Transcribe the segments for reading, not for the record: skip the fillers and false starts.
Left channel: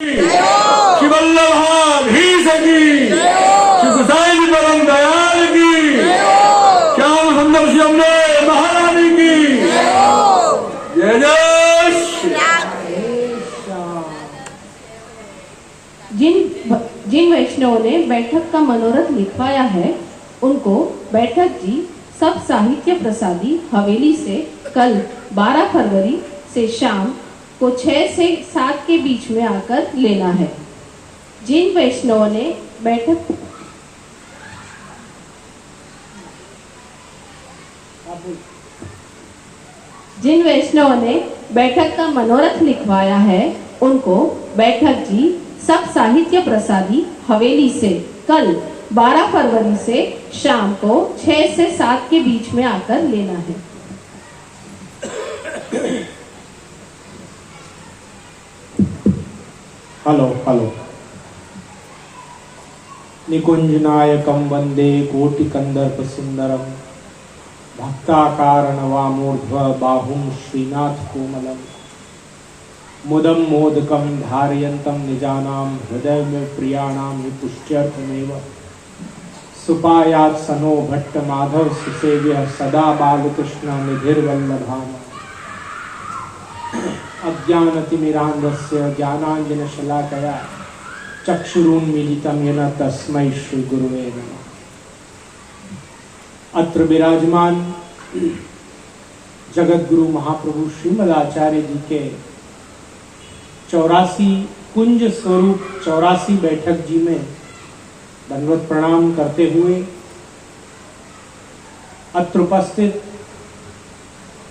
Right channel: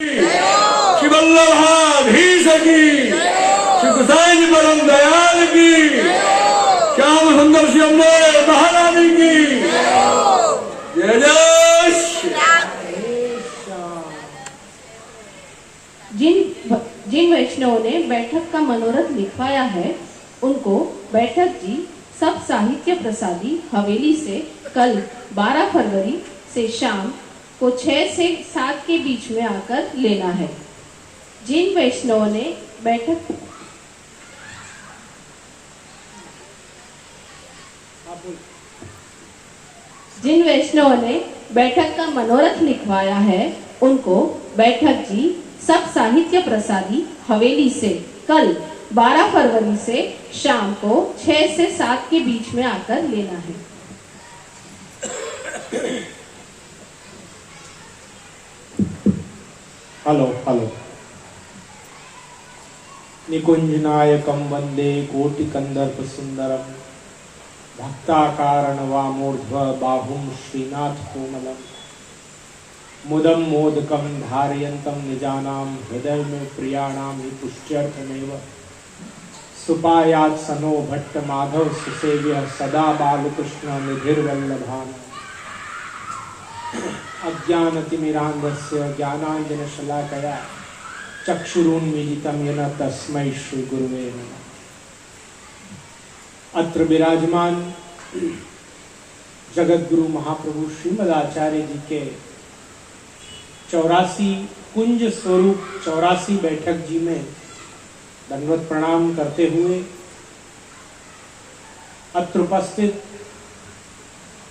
श्री वल्लभाधीश की, श्री गोसाई जी परम दयाल की, श्याम सुंदर श्री अम्बे महारानी की जय जय श्री। जिन वैष्णवों ने बैठक का मनोरथ लिखवाया है उनको बैठक जी सब साहित्य प्रसादी हवेली से कल 12 फरवरी से शाम को 6 से 7 के बीच में आकर लेना है। जिन वैष्णवों ने बैठक का मनोरथ लिखवाया है उनको बैठक जी सब साहित्य प्रसादी हवेली से कल 12 फरवरी से शाम को 6 से 7 के बीच में आकर लेना है। हेलो निकुंजनायकं वंदे कोटिकंदर्प सुंदरम भक्ताकार नवामूर्ध्व बाहुं श्रीनाथ कोमलम मुदम मोदकं धारयन्तं निजानां हृदय में प्रियाणां हि पुष्ट्यर्थमेव सुपायात् सनो भट्ट माधव सुसेव्य सदा बालकृष्ण निधिर्वल्लभानां अज्ञानतिमिरान्धस्य ज्ञानाञ्जनशलाकया चक्षुरुन्मीलितं येन तस्मै श्री गुरुवे नमः। अत्र विराजमान जगतगुरु महाप्रभु श्रीमद आचार्य जी के 84 कुंज स्वरूप 84 बैठक जी में दंडवत प्रणाम करते हुए अत्र उपस्थित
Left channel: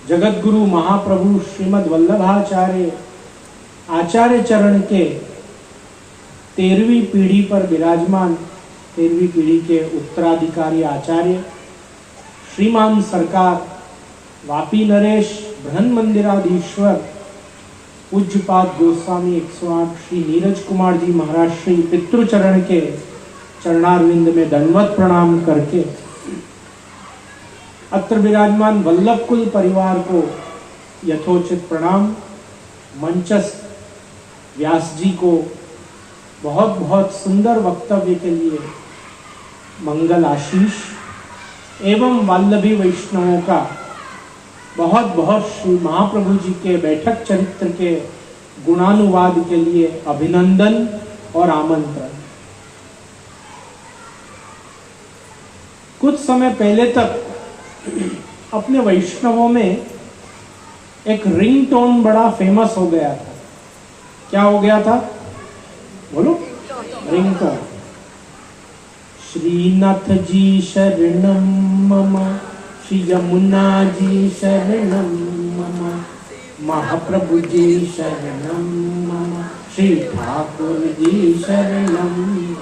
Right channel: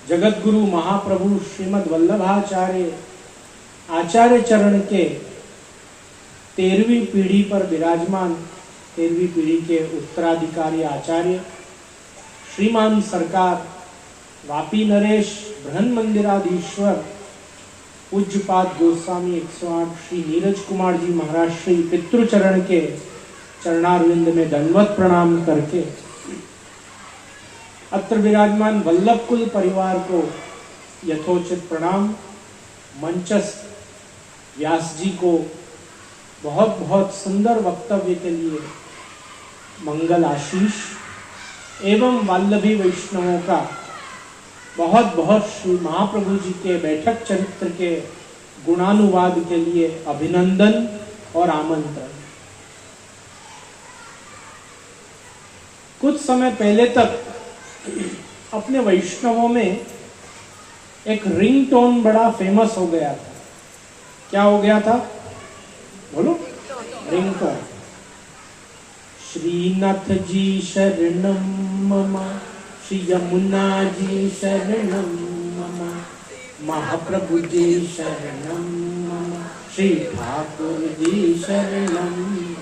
जगतगुरु महाप्रभु श्रीमद वल्लभाचार्य आचार्य चरण के 13वीं पीढ़ी पर विराजमान 13वीं पीढ़ी के उत्तराधिकारी आचार्य श्रीमान सरकार वापी नरेश बृहन मंदिराधीश्वर पूज्यपाद गोस्वामी 108 श्री नीरज कुमार जी महाराज श्री पितृचरण के चरणारविंद में दंडवत प्रणाम करके अत्र विराजमान वल्लभ कुल परिवार को यथोचित प्रणाम। मंचस्थ व्यास जी को बहुत बहुत सुंदर वक्तव्य के लिए मंगल आशीष एवं वल्लभी वैष्णवों का बहुत बहुत श्री महाप्रभु जी के बैठक चरित्र के गुणानुवाद के लिए अभिनंदन और आमंत्रण। कुछ समय पहले तक अपने वैष्णवों में एक रिंगटोन बड़ा फेमस हो गया था। क्या हो गया था बोलो? रिंगटोन। श्रीनाथ जी शरणम मम, श्री यमुना जी शरणम मम, महाप्रभु जी शरणम मम, श्री ठाकुर जी शरणम।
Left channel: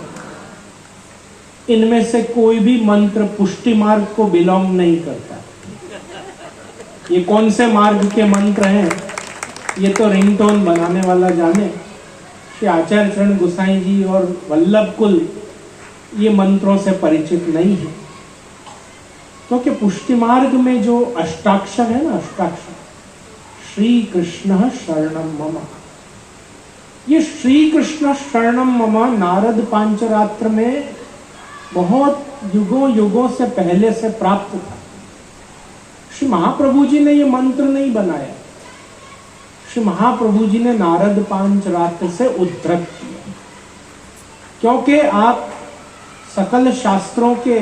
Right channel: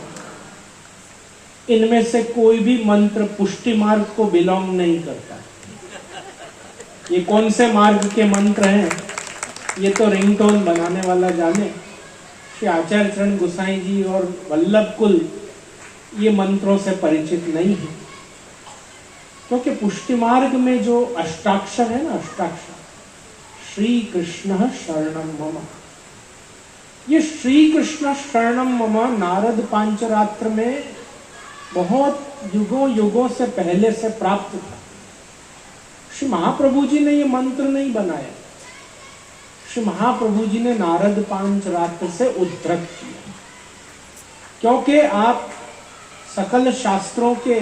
इनमें से कोई भी मंत्र पुष्टि मार्ग को बिलोंग नहीं करता। ये कौन से मार्ग के मंत्र हैं ये तो रिंगटोन बनाने वाला जाने। श्री आचार्य चरण गोसाई जी और वल्लभ कुल ये मंत्रों से परिचित नहीं है, क्योंकि पुष्टि मार्ग में जो अष्टाक्षर है ना, अष्टाक्षर श्री कृष्ण शरणम मम, ये श्री कृष्ण शरणम मम नारद पांचरात्र में बहुत युगों युगों से पहले से प्राप्त था। श्री महाप्रभु जी ने ये मंत्र नहीं बनाया, श्री महाप्रभु जी ने नारद पांचरात्र से उद्धृत किया, क्योंकि आप सकल शास्त्रों के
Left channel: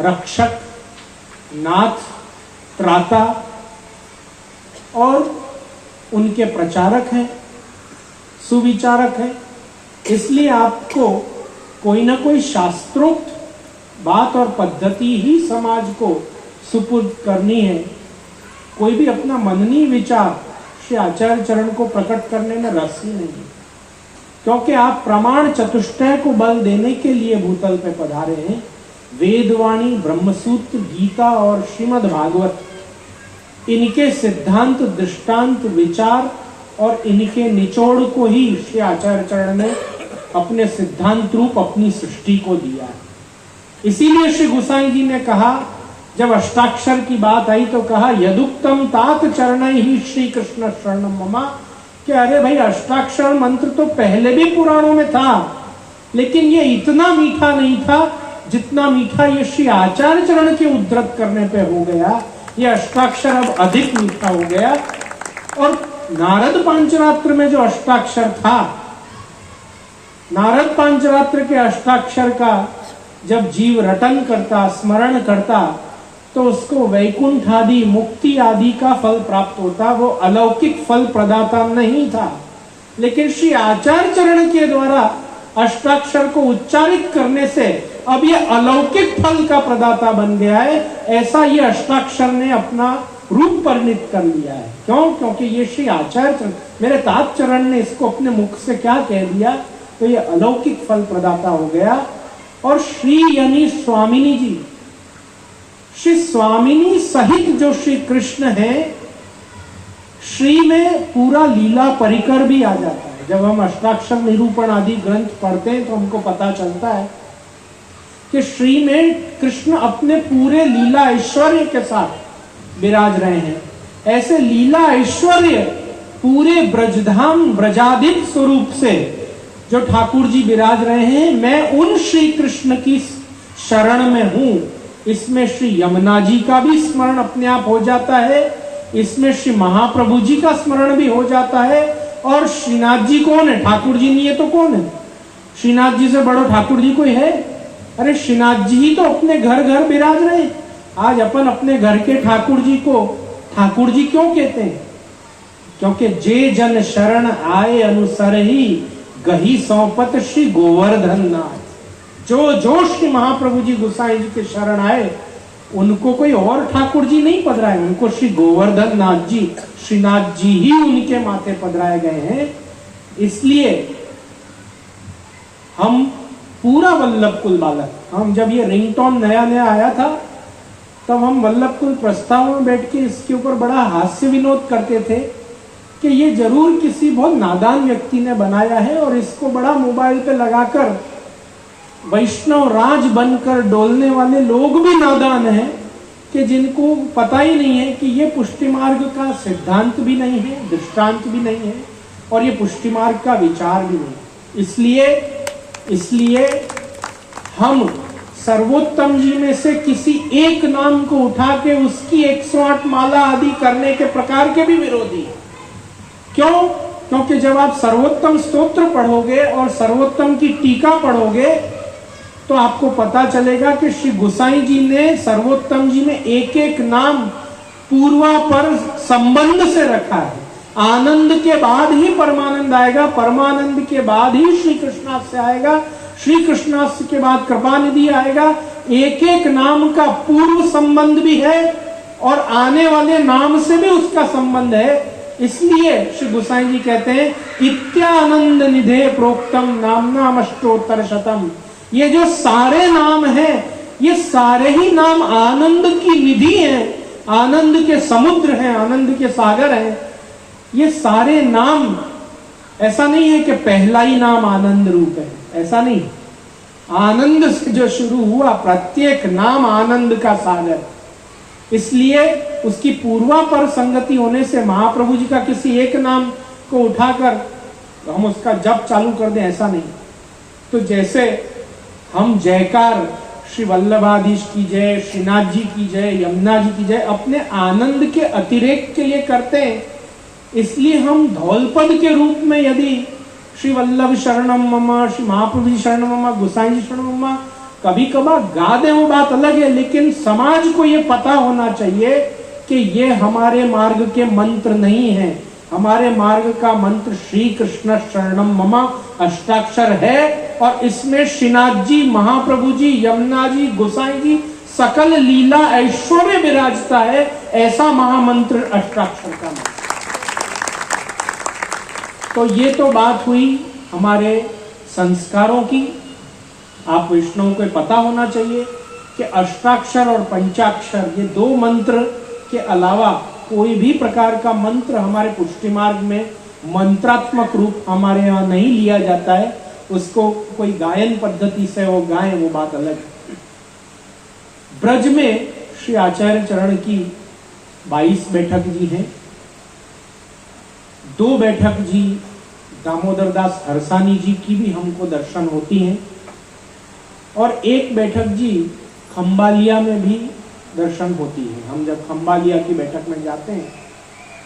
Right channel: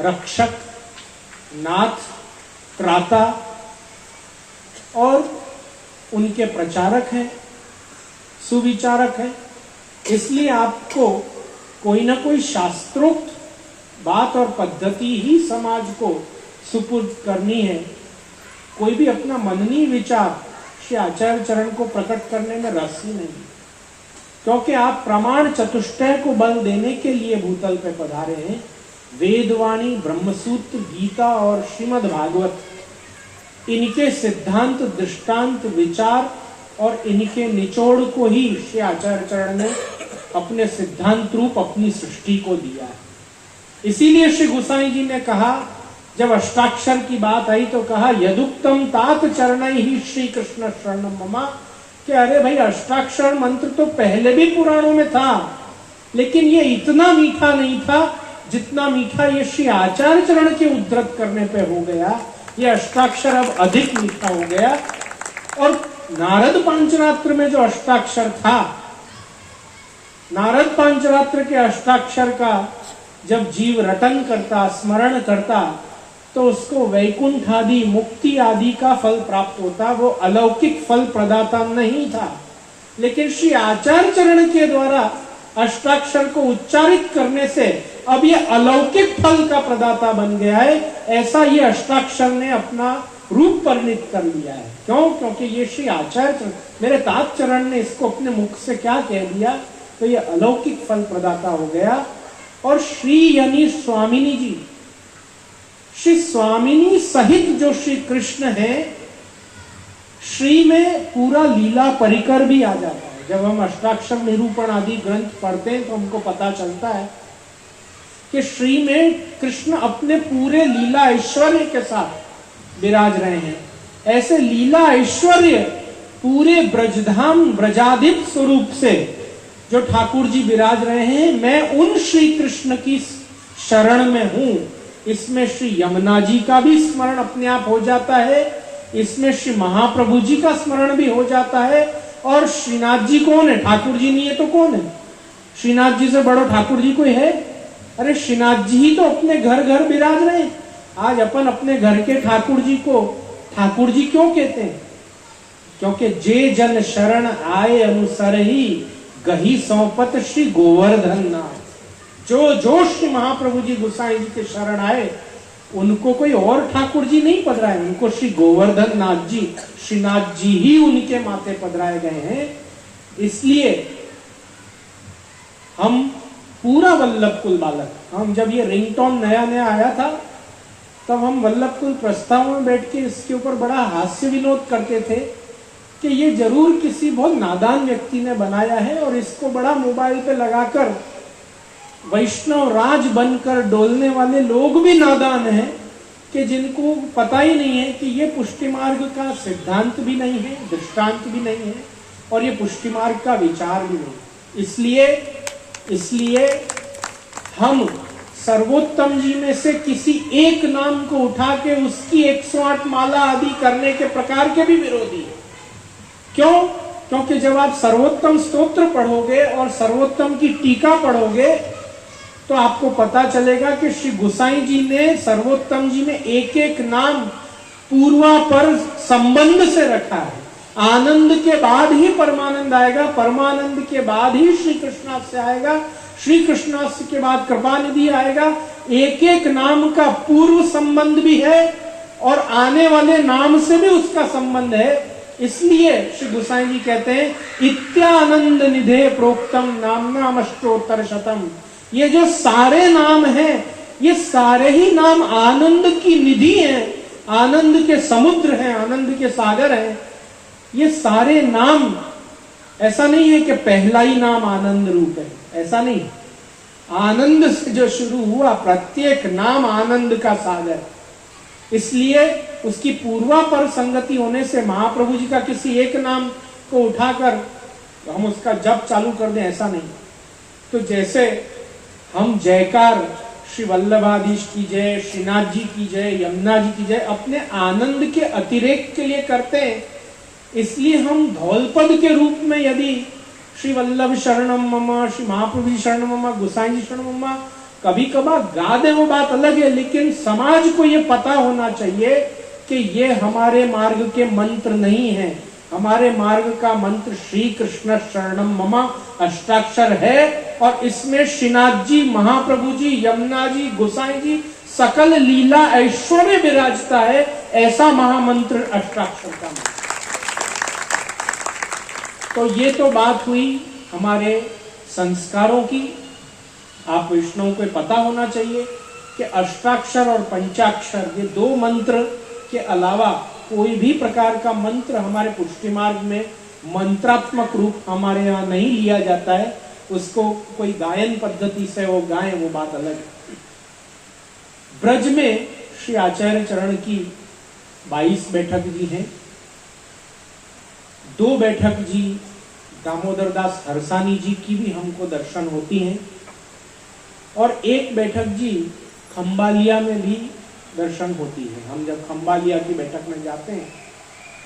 रक्षक, नाथ, त्राता और उनके प्रचारक हैं, सुविचारक हैं। इसलिए आपको कोई ना कोई शास्त्रोक्त बात और पद्धति ही समाज को सुपुर्द करनी है। कोई भी अपना मननी विचार श्री आचार्य चरण को प्रकट करने में रस ही नहीं, क्योंकि आप प्रमाण चतुष्टय को बल देने के लिए भूतल पे पधारे हैं। वेदवाणी, ब्रह्मसूत्र, गीता और श्रीमद् भागवत, इनके सिद्धांत, दृष्टांत, विचार और इनके निचोड़ को ही श्री आचार्य चरण ने अपने सिद्धांत रूप अपनी सृष्टि को दिया। इसीलिए श्री गोसाई जी ने कहा, जब अष्टाक्षर की बात आई तो कहा, यदुक्तम तात चरण ही श्री कृष्ण शरणम मम, कि अरे भाई अष्टाक्षर मंत्र तो पहले भी पुराणों में था, लेकिन ये इतना मीठा नहीं था जितना मीठा ये श्री आचार्य चरण के उद्धृत करने पे हो गया। ये अष्टाक्षर अब अधिक मीठा हो गया। और नारद पांचरात्र में जो अष्टाक्षर था, नारद पांचरात्र के अष्टाक्षर का जब जीव रटन करता, स्मरण करता, तो उसको वैकुंठ आदि, मुक्ति आदि का फल प्राप्त होता। वो अलौकिक फल प्रदाता नहीं था, लेकिन श्री आचार्य चरण के द्वारा अष्टाक्षर को उच्चारित करने से अब ये अलौकिक फल का प्रदाता बन गया है। ऐसा ये अष्टाक्षर ने अपना रूप परिणित कर लिया है। क्यों? क्योंकि ये श्री आचार्य चरण, मेरे तात चरण ने इसको अपने मुख से क्या कह दिया, तो ये अलौकिक फल प्रदाता हो गया। और श्री यानी स्वामिनी जी, श्री स्वामिनी सहित जो श्री कृष्ण है, श्री में पूरा लीला परिकर भी आ जाता है। जब हम अष्टाक्षर निरूपण आदि ग्रंथ पढ़ते हैं तो हमको पता चलता है कि श्री में कृष्ण अपने पूरे लीला ऐश्वर्य के साथ विराज रहे हैं। ऐसे लीला ऐश्वर्य पूरे ब्रजधाम ब्रजाधिप स्वरूप से जो ठाकुर जी विराज रहे हैं, मैं उन श्री कृष्ण की शरण में हूं। इसमें श्री यमुना जी का भी स्मरण अपने आप हो जाता है, इसमें श्री महाप्रभु जी का स्मरण भी हो जाता है। और श्रीनाथ जी कौन है? ठाकुर जी नहीं है तो कौन है? श्रीनाथ जी से बड़ा ठाकुर जी कोई है? अरे श्रीनाथ जी ही तो अपने घर घर विराज रहे हैं। आज अपन अपने घर के ठाकुर जी को ठाकुर जी क्यों कहते हैं? क्योंकि जे जन शरण आए अनुसर ही गही सौपत श्री गोवर्धन नाथ। जो श्री महाप्रभु जी गोसाई जी के शरण आए, उनको कोई और ठाकुर जी नहीं पधराए, उनको श्री गोवर्धन नाथ जी, श्रीनाथ जी ही उनके माथे पधराए गए हैं। इसलिए हम पूरा वल्लभ कुल बालक, हम जब ये रिंगटोन नया नया आया था, तब हम वल्लभ कुल प्रस्ताव में बैठ के इसके ऊपर बड़ा हास्य विनोद करते थे कि ये जरूर किसी बहुत नादान व्यक्ति ने बनाया है और इसको बड़ा मोबाइल पे लगाकर वैष्णव राज बनकर डोलने वाले लोग भी नादान हैं कि जिनको पता ही नहीं है कि ये पुष्टि मार्ग का सिद्धांत भी नहीं है, दृष्टांत भी नहीं है, और ये पुष्टि मार्ग का विचार भी नहीं। इसलिए हम सर्वोत्तम जी में से किसी एक नाम को उठा के उसकी 108 माला आदि करने के प्रकार के भी विरोधी हैं। क्यों? क्योंकि जब आप सर्वोत्तम स्तोत्र पढ़ोगे और सर्वोत्तम की टीका पढ़ोगे तो आपको पता चलेगा कि श्री गोसाई जी ने सर्वोत्तम जी में एक एक नाम पूर्वापर संबंध से रखा है। आनंद के बाद ही परमानंद आएगा, परमानंद के बाद ही श्री कृष्णास्य आएगा, श्री कृष्णास्य के बाद कृपानिधि आएगा। एक एक नाम का पूर्व संबंध भी है और आने वाले नाम से भी उसका संबंध है। इसलिए श्री गोसाई जी कहते हैं, इत्यानंद निधे प्रोक्तम नाम अष्टोत्तर शतम। ये जो सारे नाम हैं, ये सारे ही नाम आनंद की निधि हैं, आनंद के समुद्र हैं, आनंद के सागर हैं। ये सारे नाम, ऐसा नहीं है कि पहला ही नाम आनंद रूप है, ऐसा नहीं। आनंद से जो शुरू हुआ, प्रत्येक नाम आनंद का सागर। इसलिए उसकी पूर्वापर संगति होने से महाप्रभु जी का किसी एक नाम को उठाकर हम उसका जप चालू कर दें, ऐसा नहीं। तो जैसे हम जयकार श्री वल्लभाधीश की जय, श्रीनाथ जी की जय, यमुना जी की जय अपने आनंद के अतिरेक के लिए करते हैं, इसलिए हम धौलपद के रूप में यदि श्री वल्लभ शरणम मम, श्री महाप्रभु शरणम मम, गोसाई जी शरणम मम कभी कभार गा दे, वो बात अलग है, लेकिन समाज को ये पता होना चाहिए कि ये हमारे मार्ग के मंत्र नहीं है। हमारे मार्ग का मंत्र श्री कृष्ण शरणम मम अष्टाक्षर है और इसमें श्रीनाथ जी, महाप्रभु जी, यमुना जी, गोसाई जी सकल लीला ऐश्वर्य विराजता है। ऐसा महामंत्र अष्टाक्षर का मंत्र। तो ये तो बात हुई हमारे संस्कारों की। आप वैष्णव को पता होना चाहिए कि अष्टाक्षर और पंचाक्षर ये दो मंत्र के अलावा कोई भी प्रकार का मंत्र हमारे पुष्टि मार्ग में मंत्रात्मक रूप हमारे यहाँ नहीं लिया जाता है। उसको कोई गायन पद्धति से वो गाएं, वो बात अलग है। ब्रज में श्री आचार्य चरण की 22 बैठक जी हैं। दो बैठक जी दामोदर दास हरसानी जी की भी हमको दर्शन होती हैं और एक बैठक जी खंबालिया में भी दर्शन होती है। हम जब खंबालिया की बैठक में जाते हैं,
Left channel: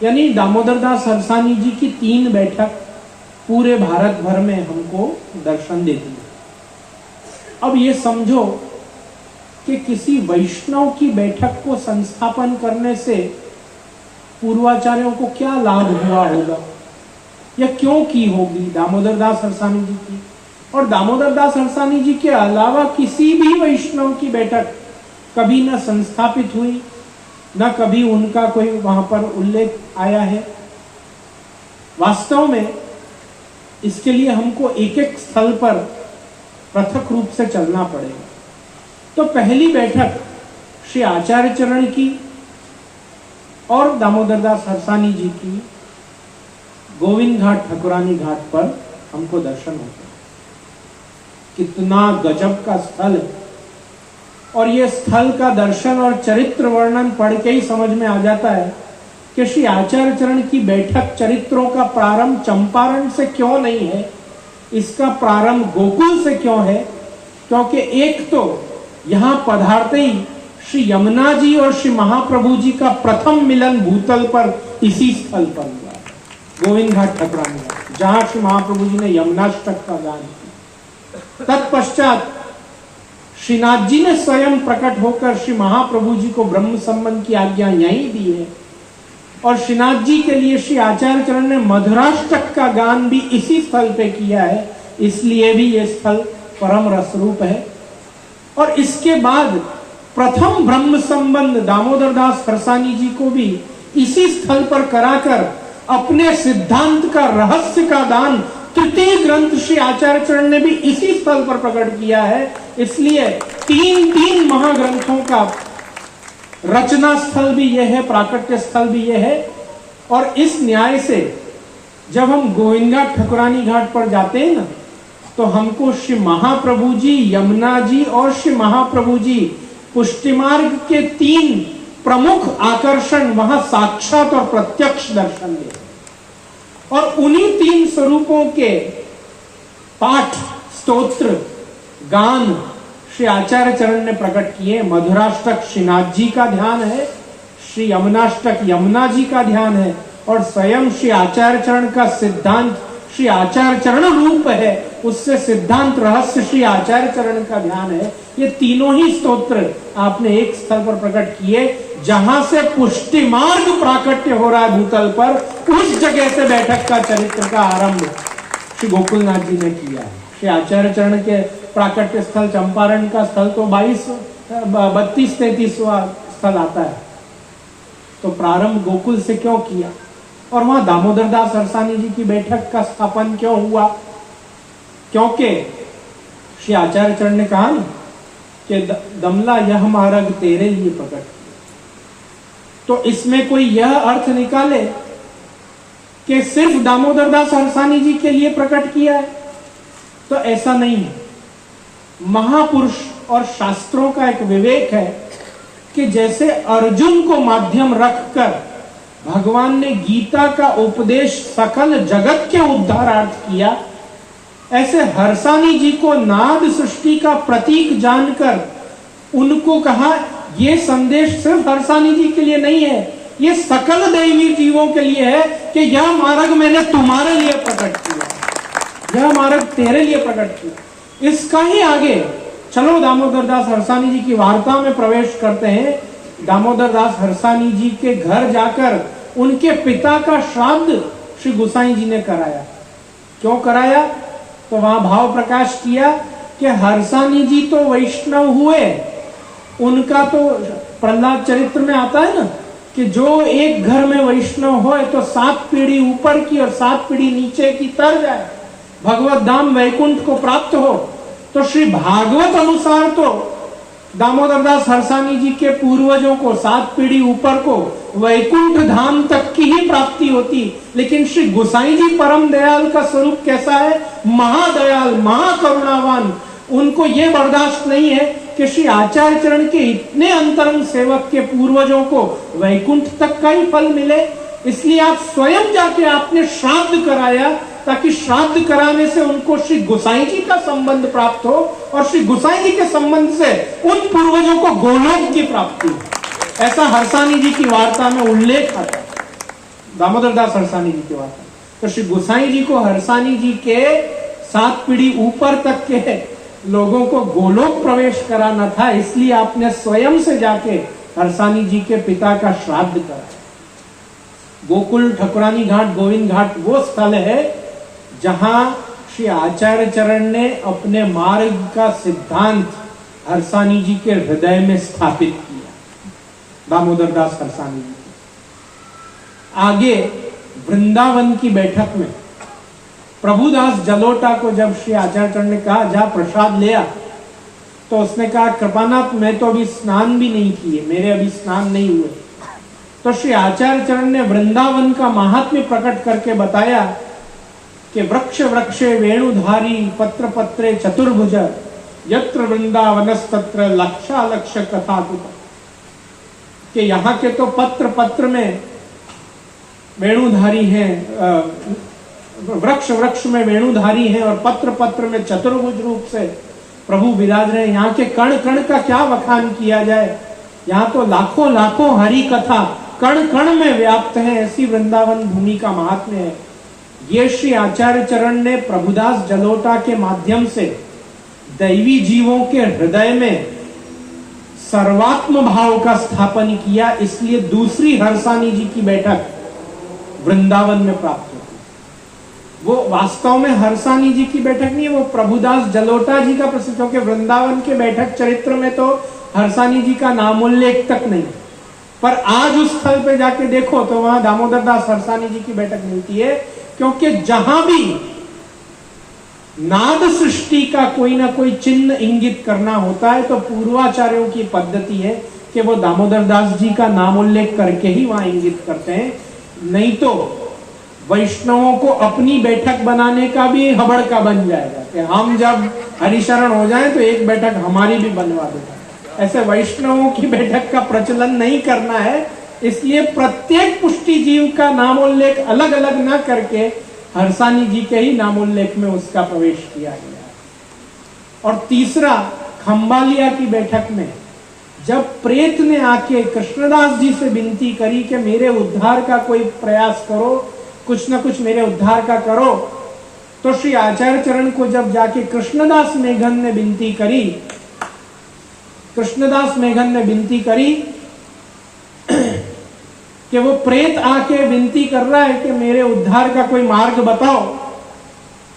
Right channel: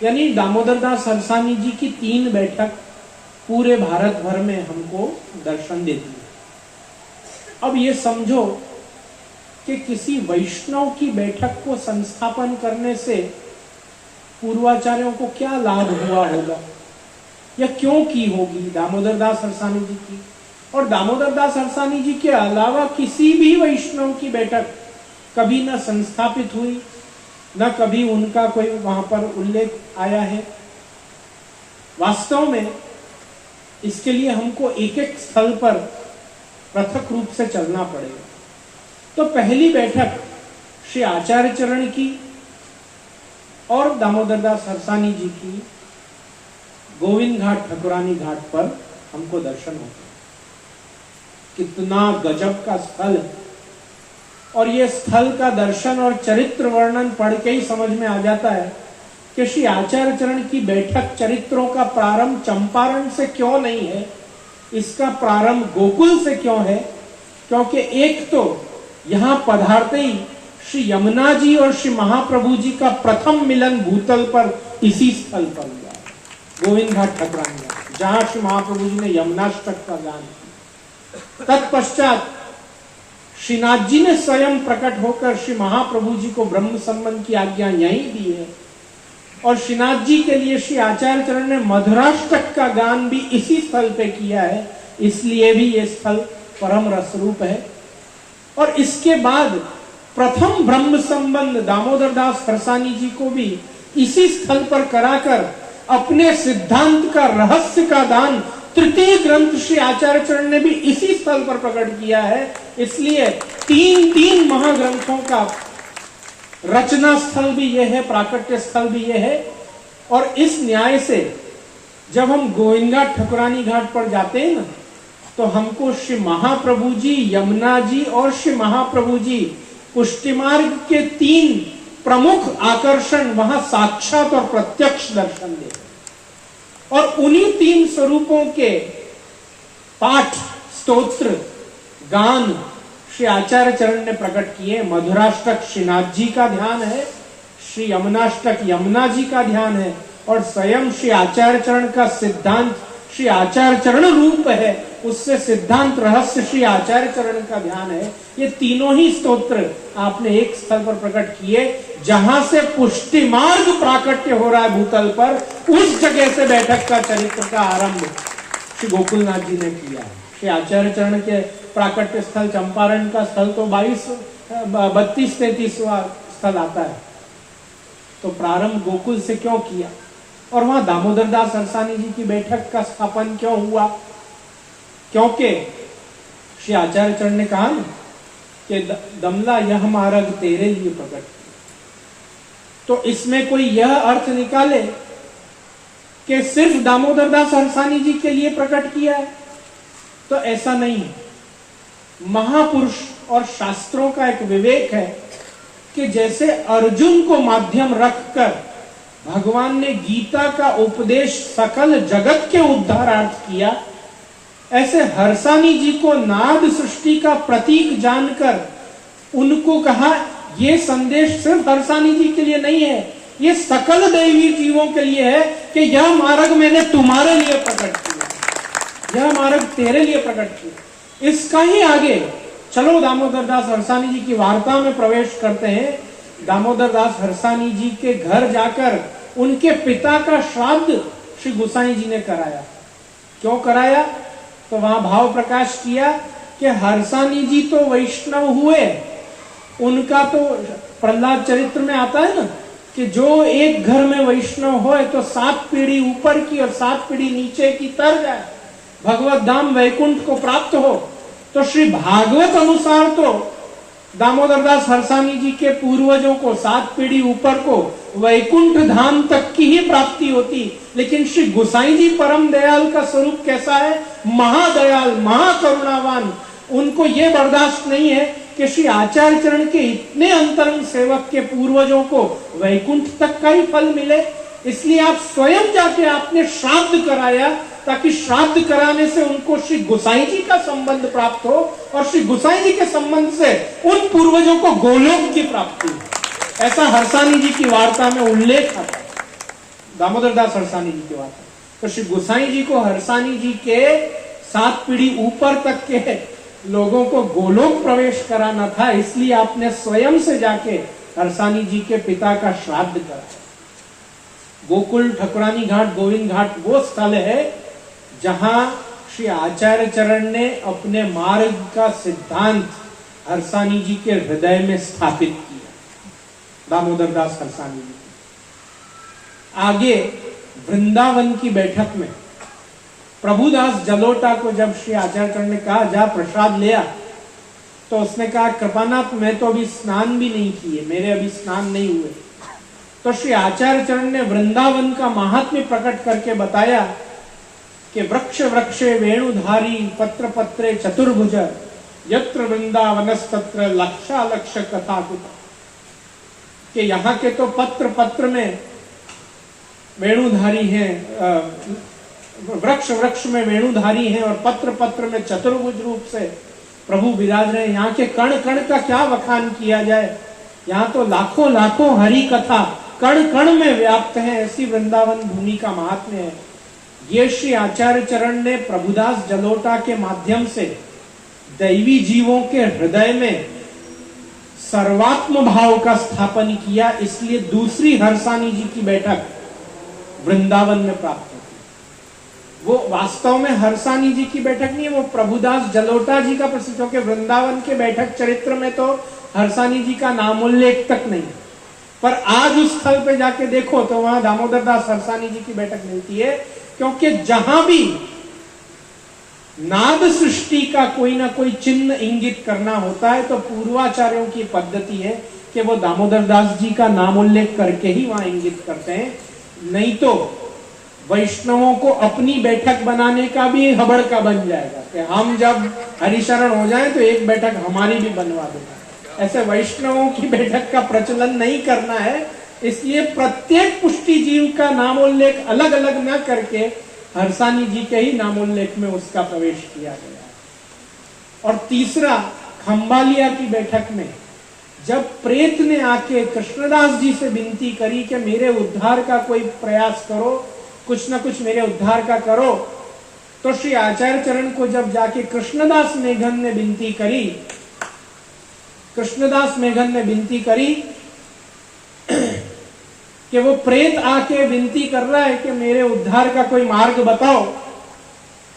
यानी दामोदर दास हरसानी जी की 3 बैठक पूरे भारत भर में हमको दर्शन देती है। अब ये समझो कि किसी वैष्णव की बैठक को संस्थापन करने से पूर्वाचार्यों को क्या लाभ हुआ होगा या क्यों की होगी दामोदर दास हरसानी जी की। और दामोदर दास हरसानी जी के अलावा किसी भी वैष्णव की बैठक कभी न संस्थापित हुई, न कभी उनका कोई वहां पर उल्लेख आया है। वास्तव में इसके लिए हमको एक एक स्थल पर पृथक रूप से चलना पड़ेगा। तो पहली बैठक श्री आचार्य चरण की और दामोदर दास हरसानी जी की गोविंद घाट ठकुरानी घाट पर हमको दर्शन होता है। कितना गजब का स्थल है और ये स्थल का दर्शन और चरित्र वर्णन पढ़ के ही समझ में आ जाता है कि श्री आचार्य चरण की बैठक चरित्रों का प्रारंभ चंपारण से क्यों नहीं है, इसका प्रारंभ गोकुल से क्यों है। क्योंकि एक तो यहां पधारते ही श्री यमुना जी और श्री महाप्रभु जी का प्रथम मिलन भूतल पर इसी स्थल पर हुआ, गोविंद घाट ठकुरानी घाट, जहां श्री महाप्रभु जी ने यमुनाष्टक का गान किया। तत्पश्चात श्रीनाथ जी ने स्वयं प्रकट होकर श्री महाप्रभु जी को ब्रह्म संबंध की आज्ञा यहीं दी है और श्रीनाथ जी के लिए श्री आचार्य चरण ने मधुराष्टक का गान भी इसी स्थल पे किया है, इसलिए भी ये स्थल परम रसरूप है। और इसके बाद प्रथम ब्रह्म संबंध दामोदर दास हरसानी जी को भी इसी स्थल पर कराकर अपने सिद्धांत का रहस्य का दान तृतीय ग्रंथ श्री आचार्य चरण ने भी इसी स्थल पर प्रकट किया है। इसलिए 3 महाग्रंथों का रचना स्थल भी यह है, प्राकट्य स्थल भी यह है। और इस न्याय से जब हम गोविंद घाट ठकुरानी घाट पर जाते हैं ना, तो हमको श्री महाप्रभु जी, यमुना जी और श्री महाप्रभु जी पुष्टि मार्ग के 3 प्रमुख आकर्षण वहां साक्षात और प्रत्यक्ष दर्शन देते हैं। और उन्हीं 3 स्वरूपों के पाठ, स्तोत्र, गान श्री आचार्य चरण ने प्रकट किए। मधुराष्टक श्रीनाथ जी का ध्यान है, श्री यमुनाष्टक यमुना जी का ध्यान है और स्वयं श्री आचार्य चरण का सिद्धांत श्री आचार्य चरण रूप है, उससे सिद्धांत रहस्य श्री आचार्य चरण का ध्यान है। ये तीनों ही स्तोत्र आपने एक स्थल पर प्रकट किए, जहां से पुष्टि मार्ग प्राकट्य हो रहा है भूतल पर, उस जगह से बैठक का चरित्र का आरंभ श्री गोकुलनाथ जी ने किया है। श्री आचार्य चरण के प्राकट्य स्थल चंपारण का स्थल तो 32-33वां स्थल आता है। तो प्रारंभ गोकुल से क्यों किया और वहां दामोदर दास हरसानी जी की बैठक का स्थापन क्यों हुआ? क्योंकि श्री आचार्य चरण ने कहा ना कि दमला यह मार्ग तेरे लिए प्रकट किया। तो इसमें कोई यह अर्थ निकाले कि सिर्फ दामोदर दास हरसानी जी के लिए प्रकट किया है, तो ऐसा नहीं है। महापुरुष और शास्त्रों का एक विवेक है कि जैसे अर्जुन को माध्यम रखकर भगवान ने गीता का उपदेश सकल जगत के उद्धारार्थ किया, ऐसे हरसानी जी को नाद सृष्टि का प्रतीक जानकर उनको कहा ये संदेश सिर्फ हरसानी जी के लिए नहीं है, ये सकल दैवी जीवों के लिए है कि यह मार्ग मैंने तुम्हारे लिए प्रकट किया, यह मार्ग तेरे लिए प्रकट किया। इसका ही आगे चलो दामोदर दास हरसानी जी की वार्ता में प्रवेश करते हैं। दामोदर दास हरसानी जी के घर जाकर उनके पिता का श्राद्ध श्री गोसाई जी ने कराया। क्यों कराया? तो वहां भाव प्रकाश किया कि हरसानी जी तो वैष्णव हुए, उनका तो प्रहलाद चरित्र में आता है ना कि जो एक घर में वैष्णव हो तो 7 पीढ़ी ऊपर की और 7 पीढ़ी नीचे की तर जाए, भगवत धाम वैकुंठ को प्राप्त हो। तो श्री भागवत अनुसार तो दामोदर दास हरसानी जी के पूर्वजों को 7 पीढ़ी ऊपर को वैकुंठ धाम तक की ही प्राप्ति होती, लेकिन श्री गोसाई जी परम दयाल का स्वरूप कैसा है? महादयाल, महाकरुणावान। उनको ये बर्दाश्त नहीं है कि श्री आचार्य चरण के इतने अंतरंग सेवक के पूर्वजों को वैकुंठ तक का ही फल मिले, इसलिए आप स्वयं जाके आपने श्राद्ध कराया, ताकि श्राद्ध कराने से उनको श्री गोसाई जी का संबंध प्राप्त हो और श्री गोसाई जी के संबंध से उन पूर्वजों को गोलोक की प्राप्ति हो। ऐसा हरसानी जी की वार्ता में उल्लेख आता है, दामोदर दास हरसानी जी की वार्ता। तो श्री गोसाई जी को हरसानी जी के 7 पीढ़ी ऊपर तक के लोगों को गोलोक प्रवेश कराना था, इसलिए आपने स्वयं से जाके हरसानी जी के पिता का श्राद्ध करा। गोकुल, ठकुरानी घाट, गोविंद घाट वो स्थल है जहां श्री आचार्य चरण ने अपने मार्ग का सिद्धांत हरसानी जी के हृदय में स्थापित किया, दामोदर दास हरसानी जी। आगे वृंदावन की बैठक में प्रभुदास जलोटा को जब श्री आचार्य चरण ने कहा जा प्रसाद ले आ, तो उसने कहा कृपानाथ मैं तो अभी स्नान भी नहीं किए, मेरे अभी स्नान नहीं हुए। तो श्री आचार्य चरण ने वृंदावन का महात्म्य प्रकट करके बताया कि वृक्ष वृक्षे वेणुधारी पत्र पत्रे चतुर्भुज यत्र वृंदावनस्तत्र लक्षालक्ष कथा कुत, कि यहाँ के तो पत्र पत्र में वेणुधारी हैं, वृक्ष वृक्ष में वेणुधारी हैं और पत्र पत्र में चतुर्भुज रूप से प्रभु विराज रहे। यहाँ के कण कण का क्या वखान किया जाए, यहाँ तो लाखों लाखों हरि कथा कण कण में व्याप्त है, ऐसी वृंदावन भूमि का महात्म्य है। ये श्री आचार्य चरण ने प्रभुदास जलोटा के माध्यम से दैवी जीवों के हृदय में सर्वात्म भाव का स्थापन किया, इसलिए दूसरी हरसानी जी की बैठक वृंदावन में प्राप्त होती है। वो वास्तव में हरसानी जी की बैठक नहीं है, वो प्रभुदास जलोटा जी का प्रसिद्ध, क्योंकि वृंदावन के बैठक चरित्र में तो हरसानी जी का नाम उल्लेख तक नहीं, पर आज उस स्थल पे जाके देखो तो वहां दामोदर दास हरसानी जी की बैठक मिलती है। क्योंकि जहां भी नाद सृष्टि का कोई ना कोई चिन्ह इंगित करना होता है तो पूर्वाचार्यों की पद्धति है कि वो दामोदर दास जी का नाम उल्लेख करके ही वहां इंगित करते हैं, नहीं तो वैष्णवों को अपनी बैठक बनाने का भी हबड़ का बन जाएगा कि हम जब हरिशरण हो जाए तो एक बैठक हमारी भी बनवा दो। ऐसे वैष्णवों की बैठक का प्रचलन नहीं करना है, इसलिए प्रत्येक पुष्टि जीव का नामोल्लेख अलग अलग ना करके हरसानी जी के ही नामोल्लेख में उसका प्रवेश किया गया। और तीसरा, खंबालिया की बैठक में जब प्रेत ने आके कृष्णदास जी से विनती करी कि मेरे उद्धार का कोई प्रयास करो, कुछ ना कुछ मेरे उद्धार का करो, तो श्री आचार्य चरण को जब जाके कृष्णदास मेघन ने विनती करी, कृष्णदास मेघन ने विनती करी कि वो प्रेत आके विनती कर रहा है कि मेरे उद्धार का कोई मार्ग बताओ,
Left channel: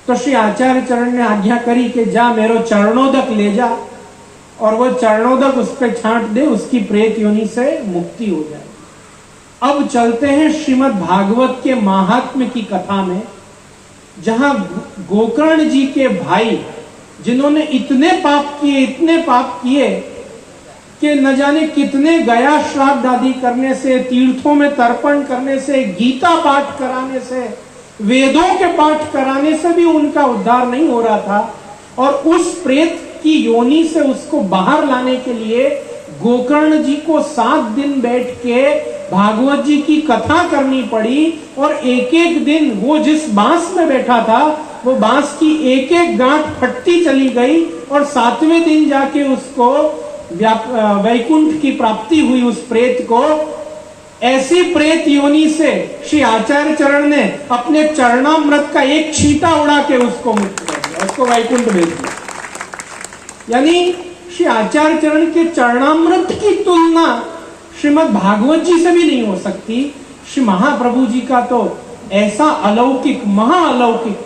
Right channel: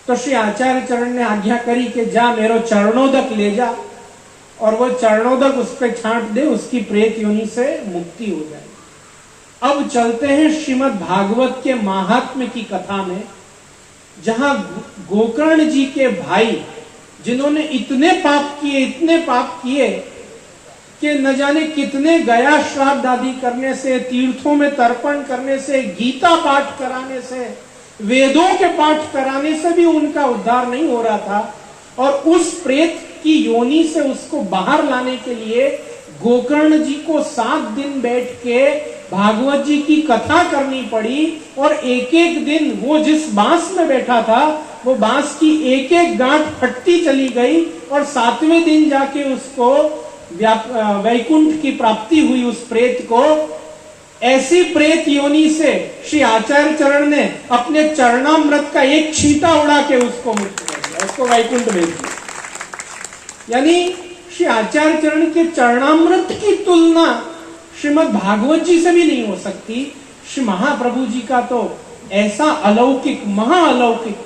तो श्री आचार्य चरण ने आज्ञा करी कि जा मेरो चरणोदक ले जा और वो चरणोदक उस पर छांट दे, उसकी प्रेत योनि से मुक्ति हो जाए। अब चलते हैं श्रीमद् भागवत के महात्म्य की कथा में, जहां गोकर्ण जी के भाई जिन्होंने इतने पाप किए कि न जाने कितने गया श्राद्ध आदि करने से, तीर्थों में तर्पण करने से, गीता पाठ कराने से, वेदों के पाठ कराने से भी उनका उद्धार नहीं हो रहा था, और उस प्रेत की योनि से उसको बाहर लाने के लिए गोकर्ण जी को 7 दिन बैठ के भागवत जी की कथा करनी पड़ी। और एक एक दिन वो जिस बांस में बैठा था वो बांस की एक एक गांठ फटती चली गई और 7वें दिन जाके उसको वैकुंठ की प्राप्ति हुई उस प्रेत को। ऐसी प्रेत योनि से श्री आचार्य चरण ने अपने चरणामृत का एक छींटा उड़ा के उसको मुक्त कर दिया, उसको वैकुंठ भेज दिया। यानी श्री आचार्य चरण के चरणामृत की तुलना श्रीमद् भागवत जी से भी नहीं हो सकती। श्री महाप्रभु जी का तो ऐसा अलौकिक, महाअलौकिक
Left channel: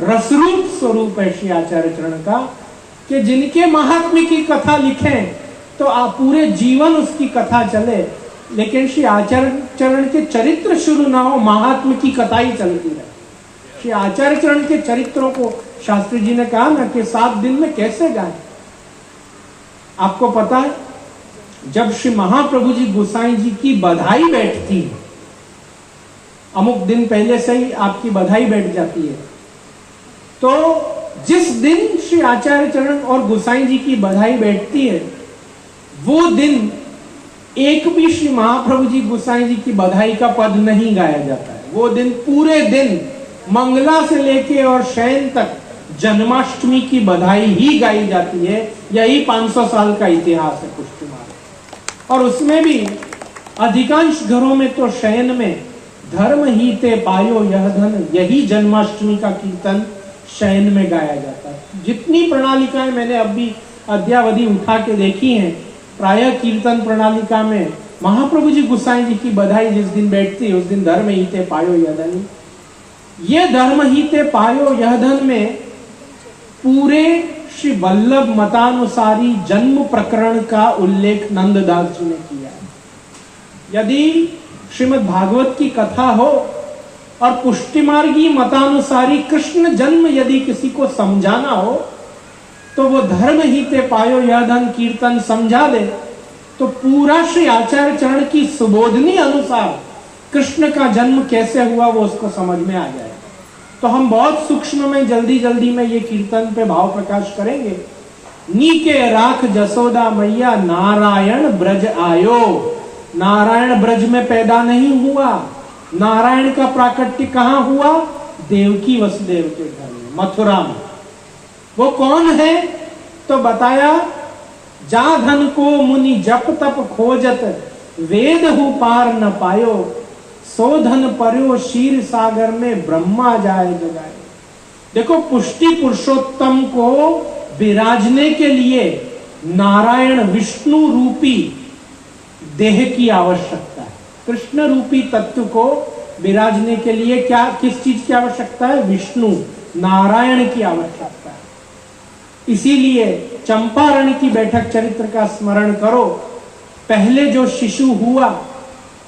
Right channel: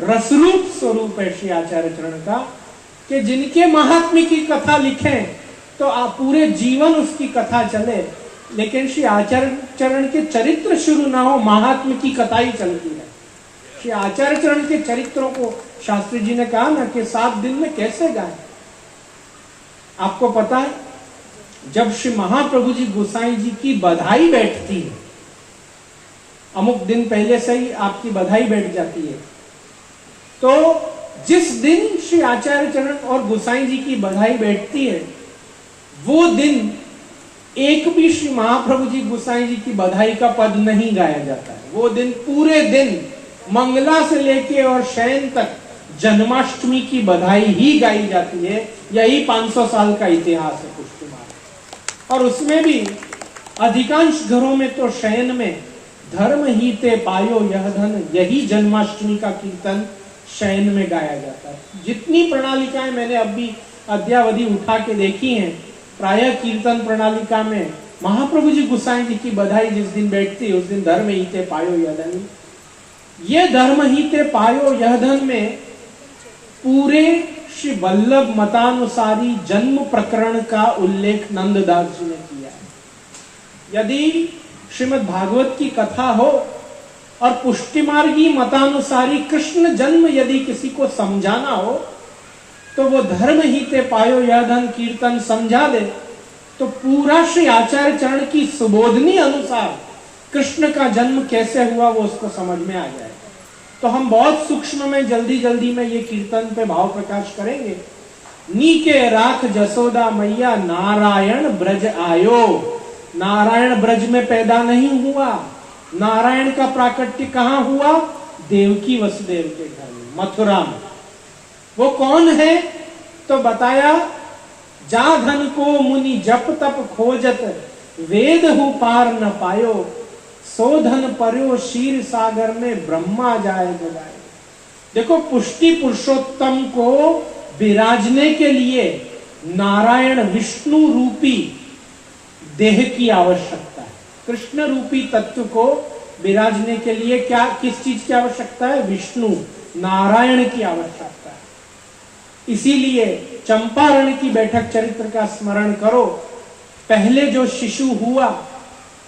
रसरूप स्वरूप है श्री आचार्य चरण का कि जिनके महात्म्य की कथा लिखें तो पूरे जीवन उसकी कथा चले, लेकिन श्री आचार्य चरण के चरित्र शुरू ना हो, महात्म्य की कथा ही चलती रहे। श्री आचार्य चरण के चरित्रों को शास्त्री जी ने कहा ना कि 7 दिन में कैसे गाए। आपको पता है, जब श्री महाप्रभु जी गोसाई जी की बधाई बैठती है, अमुक दिन पहले से ही आपकी बधाई बैठ जाती है, तो जिस दिन श्री आचार्य चरण और गोसाई जी की बधाई बैठती है वो दिन एक भी श्री महाप्रभु जी गोसाई जी की बधाई का पद नहीं गाया जाता है। वो दिन पूरे दिन मंगला से लेके और शयन तक जन्माष्टमी की बधाई ही गाई जाती है। यही 500 साल का इतिहास है पुष्टि मार्ग। और उसमें भी अधिकांश घरों में तो शयन में धर्म ही ते पायो यह धन, यही जन्माष्टमी का कीर्तन शयन में गाया जाता है। जितनी प्रणालिकाएं मैंने अभी अद्यावधि उठा के देखी हैं, प्रायः कीर्तन प्रणालिका में महाप्रभु जी गोसाई जी की बधाई जिस दिन बैठती है उस दिन धर्म ही ते पायो यह धन। ये धर्म ही ते पायो यह धन में पूरे श्री वल्लभ मतानुसारी जन्म प्रकरण का उल्लेख नंददास जी ने किया है। यदि श्रीमद् भागवत की कथा हो और पुष्टिमार्गी मतानुसारी कृष्ण जन्म यदि किसी को समझाना हो तो वो धर्म ही ते पायो यह धन कीर्तन समझा दे तो पूरा श्री आचार्य चरण की सुबोधनी अनुसार कृष्ण का जन्म कैसे हुआ वो उसको समझ में आ जाए। तो हम बहुत सूक्ष्म में जल्दी में ये कीर्तन पे भाव प्रकाश करेंगे। नीके राख जसोदा मैया नारायण ब्रज आयो। नारायण ब्रज में पैदा नहीं हुआ, नारायण का प्राकट्य कहां हुआ? देवकी वसुदेव के घर में, मथुरा में। वो कौन है? तो बताया, जा धन को मुनि जप तप खोजत, वेद हु पार न पायो, सो धन पर्यो क्षीर सागर में ब्रह्मा जाए जगाए। देखो, पुष्टि पुरुषोत्तम को विराजने के लिए नारायण विष्णु रूपी देह की आवश्यकता है। कृष्ण रूपी तत्व को विराजने के लिए क्या, किस चीज की आवश्यकता है? विष्णु नारायण की आवश्यकता है। इसीलिए चंपारण की बैठक चरित्र का स्मरण करो। पहले जो शिशु हुआ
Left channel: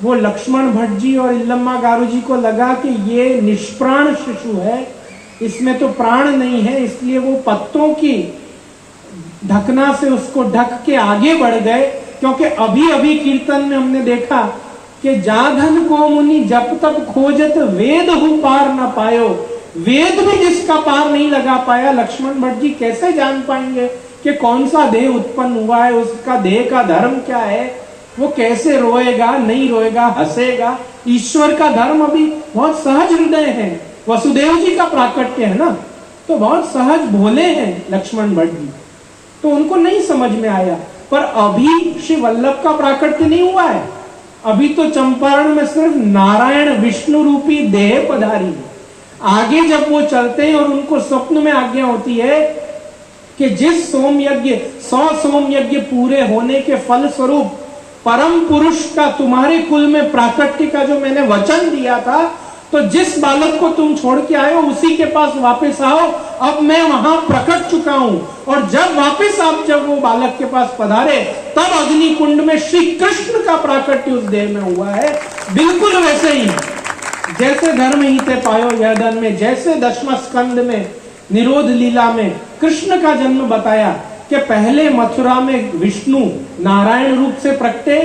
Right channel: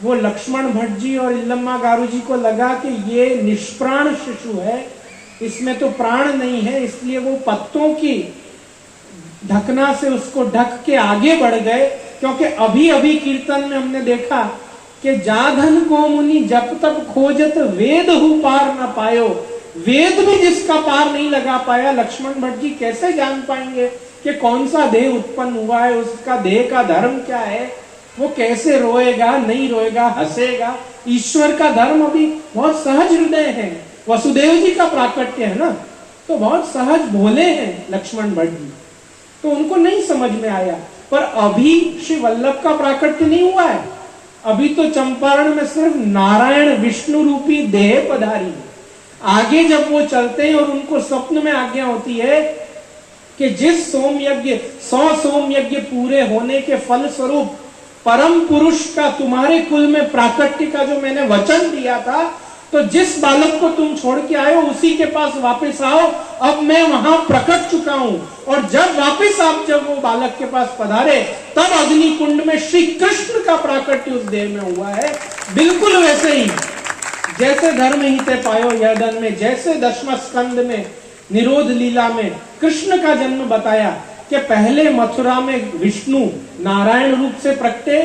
वो लक्ष्मण भट्ट जी और इल्लम्मा गारू जी को लगा कि ये निष्प्राण शिशु है, इसमें तो प्राण नहीं है, इसलिए वो पत्तों की ढकना से उसको ढक के आगे बढ़ गए। क्योंकि अभी अभी कीर्तन में हमने देखा कि जाधन को मुनि जप तप खोजत, वेद हु पार न पायो। वेद भी जिसका पार नहीं लगा पाया, लक्ष्मण भट्ट जी कैसे जान पाएंगे कि कौन सा देह उत्पन्न हुआ है, उसका देह का धर्म क्या है, वो कैसे रोएगा नहीं रोएगा, हंसेगा। ईश्वर का धर्म अभी बहुत सहज हृदय है। वसुदेव जी का प्राकट्य है ना, तो बहुत सहज भोले हैं लक्ष्मण भट्ट जी, तो उनको नहीं समझ में आया। पर अभी श्री वल्लभ का प्राकट्य नहीं हुआ है, अभी तो चंपारण में सिर्फ नारायण विष्णु रूपी देह पधारी है। आगे जब वो चलते हैं और उनको स्वप्न में आज्ञा होती है कि जिस सोम यज्ञ 100 सोम यज्ञ पूरे होने के फल स्वरूप परम पुरुष का तुम्हारे कुल में प्राकट्य का जो मैंने वचन दिया था, तो जिस बालक को तुम छोड़ के आए हो उसी के पास वापस आओ, अब मैं वहां प्रकट चुका हूं। और जब वापस आप जब वो बालक के पास पधारे तब अग्नि कुंड में श्री कृष्ण का प्राकट्य उस देह में हुआ है। बिल्कुल वैसे ही जैसे धर्म ही ते पायो यह धन में, जैसे दशम स्कंद में निरोध लीला में कृष्ण का जन्म बताया कि पहले मथुरा में विष्णु नारायण रूप से प्रकटे,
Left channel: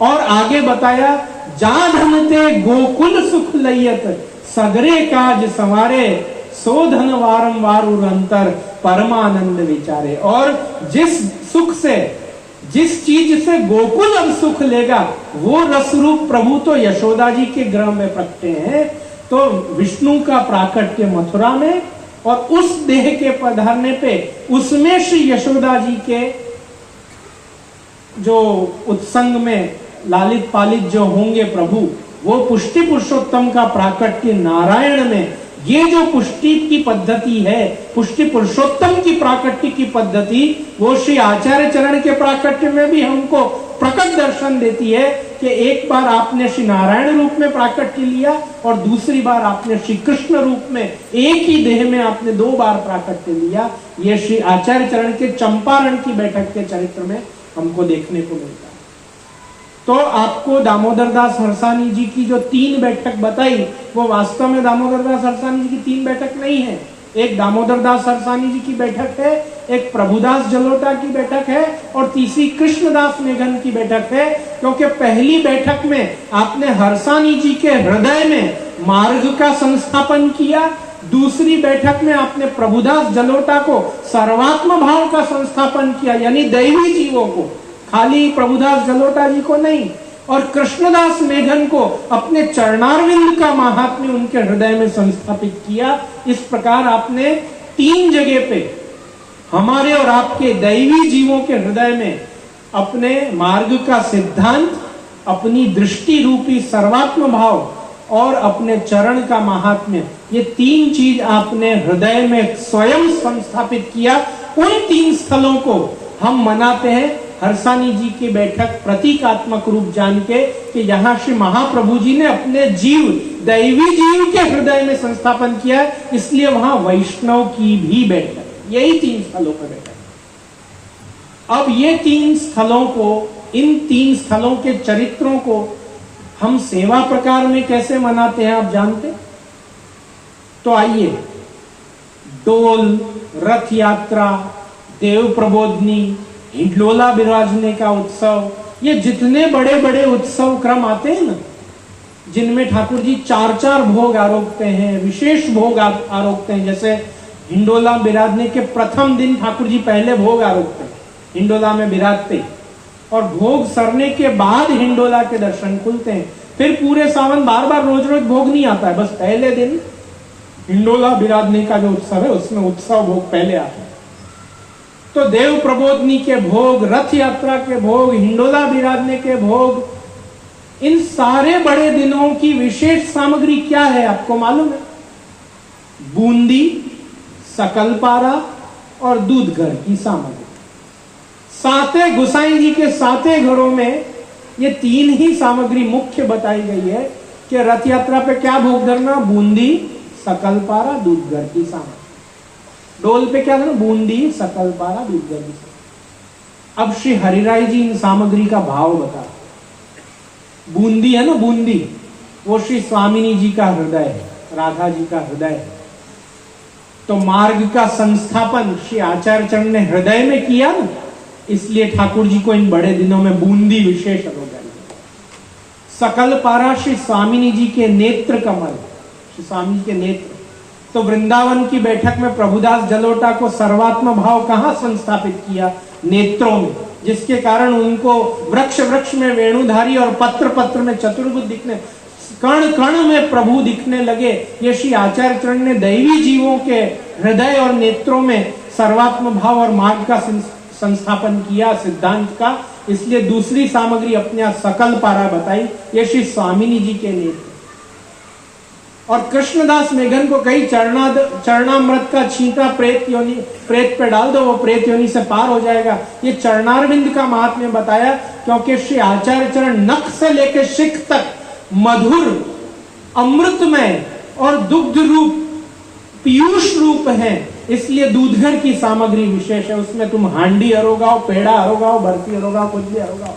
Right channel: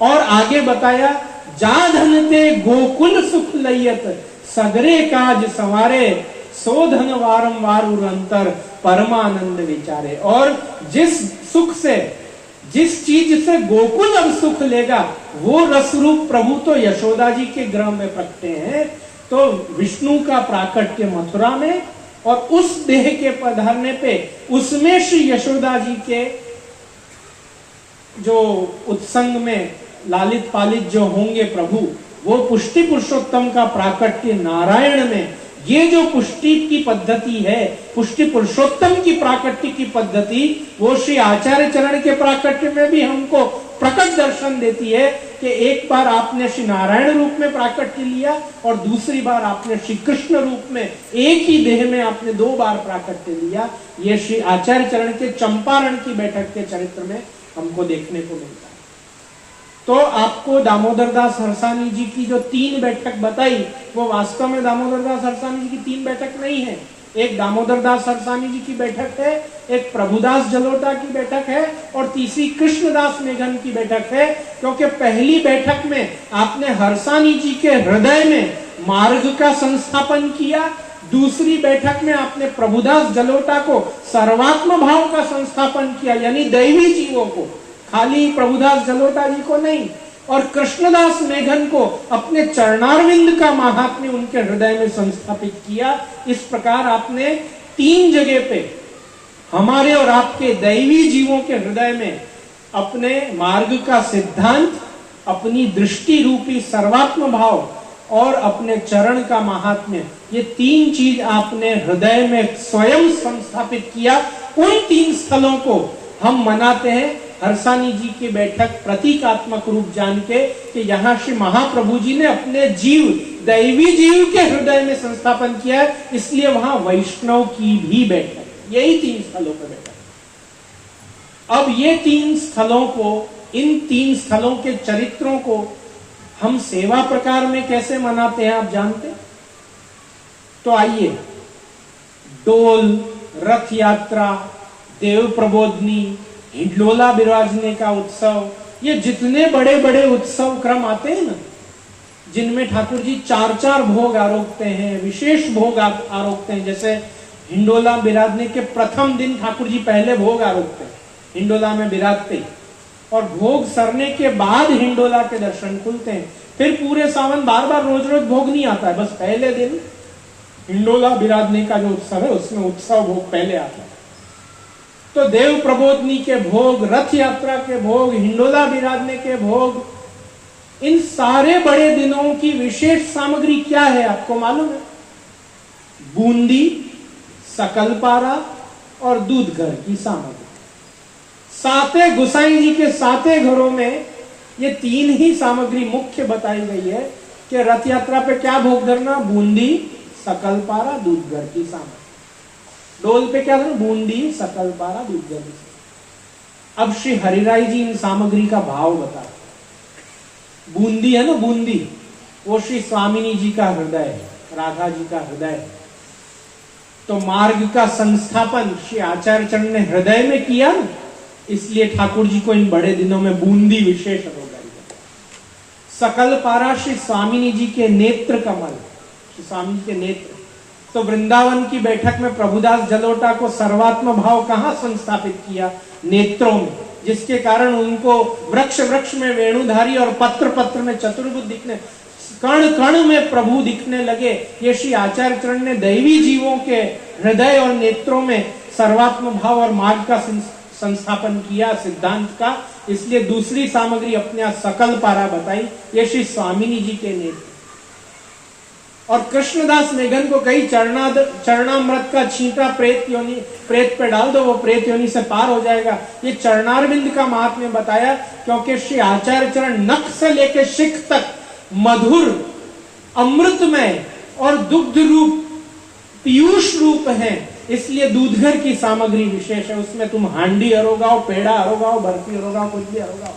और आगे बताया जा धन ते गोकुल सुख लयत, सगरे काज संवारे, सो धन वारंवार अंतर परमानंद विचारे। और जिस सुख से, जिस चीज से गोकुल अब सुख लेगा, वो रसरूप प्रभु तो यशोदा जी के गृह में प्रकटे हैं। तो विष्णु का प्राकट्य मथुरा में, और उस देह के पधारने पे उसमें श्री यशोदा जी के जो उत्संग में लालित पालित जो होंगे प्रभु, वो पुष्टि पुरुषोत्तम का प्राकट्य नारायण में। ये जो पुष्टि की पद्धति है, पुष्टि पुरुषोत्तम की प्राकट्य की पद्धति, वो श्री आचार्य चरण के प्राकट्य में भी हमको प्रकट दर्शन देती है कि एक बार आपने श्री नारायण रूप में प्राकट्य लिया और दूसरी बार आपने श्री कृष्ण रूप में, एक ही देह में आपने 2 बार प्राकट्य लिया। ये श्री आचार्य चरण के चंपारण की बैठक के चरित्र में हमको देखने को मिलता है। तो आपको दामोदर दास हरसानी जी की जो 3 बैठक बताई, वो वास्तव में दामोदर दास हरसानी जी की 3 बैठक नहीं है। एक दामोदर दास हरसानी जी की बैठक है, एक प्रभुदास जलोटा की बैठक है, और तीसरी कृष्णदास मेघन की बैठक है। क्योंकि पहली बैठक में आपने हरसानी जी के हृदय में मार्ग का संस्थापन किया, दूसरी बैठक में आपने प्रभुदास जलोटा को सर्वात्म भाव का संस्थापन किया, यानी दैवी जीवों को खाली प्रभुदास जलोटा जी को नहीं, और कृष्णदास मेघन को अपने चरणारविंद का महात्म्य उनके हृदय में संस्थापित किया। इस प्रकार आपने 3 जगह पे हमारे और आपके दैवी जीवों के हृदय में अपने मार्ग का सिद्धांत, अपनी दृष्टि रूपी सर्वात्म भाव और अपने चरण का महात्म्य, ये 3 चीज आपने हृदय में स्वयं संस्थापित किया। उन 3 स्थलों को हम मनाते हैं हर्षानी जी की बैठक प्रतीकात्मक रूप जान के कि यहाँ श्री महाप्रभु जी ने अपने जीव, दैवी जीव के हृदय में संस्थापन किया है, इसलिए वहां वैष्णव की भी बैठक, यही 3 स्थलों पर बैठक। अब ये 3 स्थलों को, इन 3 स्थलों के चरित्रों को हम सेवा प्रकार में कैसे मनाते हैं आप जानते? तो आइए, डोल, रथ यात्रा, देव प्रबोधनी, हिंडोला विराजने का उत्सव, ये जितने बड़े बड़े उत्सव क्रम आते हैं ना, जिनमें ठाकुर जी 4-4 भोग आरोपते हैं, विशेष भोग आरोपते हैं। जैसे हिंडोला विराजने के प्रथम दिन ठाकुर जी पहले भोग आरोपते हैं, हिंडोला में विराजते, और भोग सरने के बाद हिंडोला के दर्शन खुलते हैं। फिर पूरे सावन बार बार रोज रोज भोग नहीं आता है, बस पहले दिन हिंडोला विराजने का जो उत्सव है उसमें उत्सव भोग पहले आता है। तो देव प्रबोधनी के भोग, रथ यात्रा के भोग, हिंडोला विराजने के भोग, इन सारे बड़े दिनों की विशेष सामग्री क्या है आपको मालूम है? बूंदी, सकलपारा और दूध घर की सामग्री। 7 गोसाई जी के 7 घरों में ये 3 ही सामग्री मुख्य बताई गई है कि रथ यात्रा पे क्या भोग करना? बूंदी, सकलपारा, दूध घर की सामग्री। डोल पे क्या करना? बूंदी, सकलपारा, दूध घर की सामग्री। अब श्री हरिराय जी इन सामग्री का भाव बता। बूंदी है ना, बूंदी, वो श्री स्वामिनी जी का हृदय है, राधा जी का हृदय है। तो मार्ग का संस्थापन श्री आचार्य चरण ने हृदय में किया ना, इसलिए ठाकुर जी को इन बड़े दिनों में बूंदी विशेष अनुग्रह। सकल पारा श्री स्वामिनी जी के नेत्र कमल, श्री स्वामी के नेत्र। तो वृंदावन की बैठक में प्रभुदास जलोटा को सर्वात्म भाव कहां संस्थापित किया? नेत्रों में, जिसके कारण उनको वृक्ष वृक्ष में वेणुधारी और पत्र पत्र में चतुर्भुज दिखने, कण कण में प्रभु दिखने लगे। ये श्री आचार्य चरण ने दैवी जीवों के हृदय और नेत्रों में सर्वात्म भाव और मार्ग का संस्थापन किया, सिद्धांत का। इसलिए दूसरी सामग्री अपने यहां सकल पारा बताई, ये श्री स्वामिनी जी के नेत्र। और कृष्णदास मेघन को कई चरणामृत का छींटा प्रेत पे डाल दो, वो प्रेत योनि से पार हो जाएगा। ये चरणारविंद का महात्म्य बताया, क्योंकि श्री आचार्य चरण नख से लेकर शिख तक मधुर, अमृतमय और दुग्ध रूप, पीयूष रूप है। इसलिए दूधघर की सामग्री विशेष है। उसमें तुम हांडी अरोगाओ, पेड़ा अरोगाओ, बर्फी अरोगाओ, कुछ भी अरोगाओ।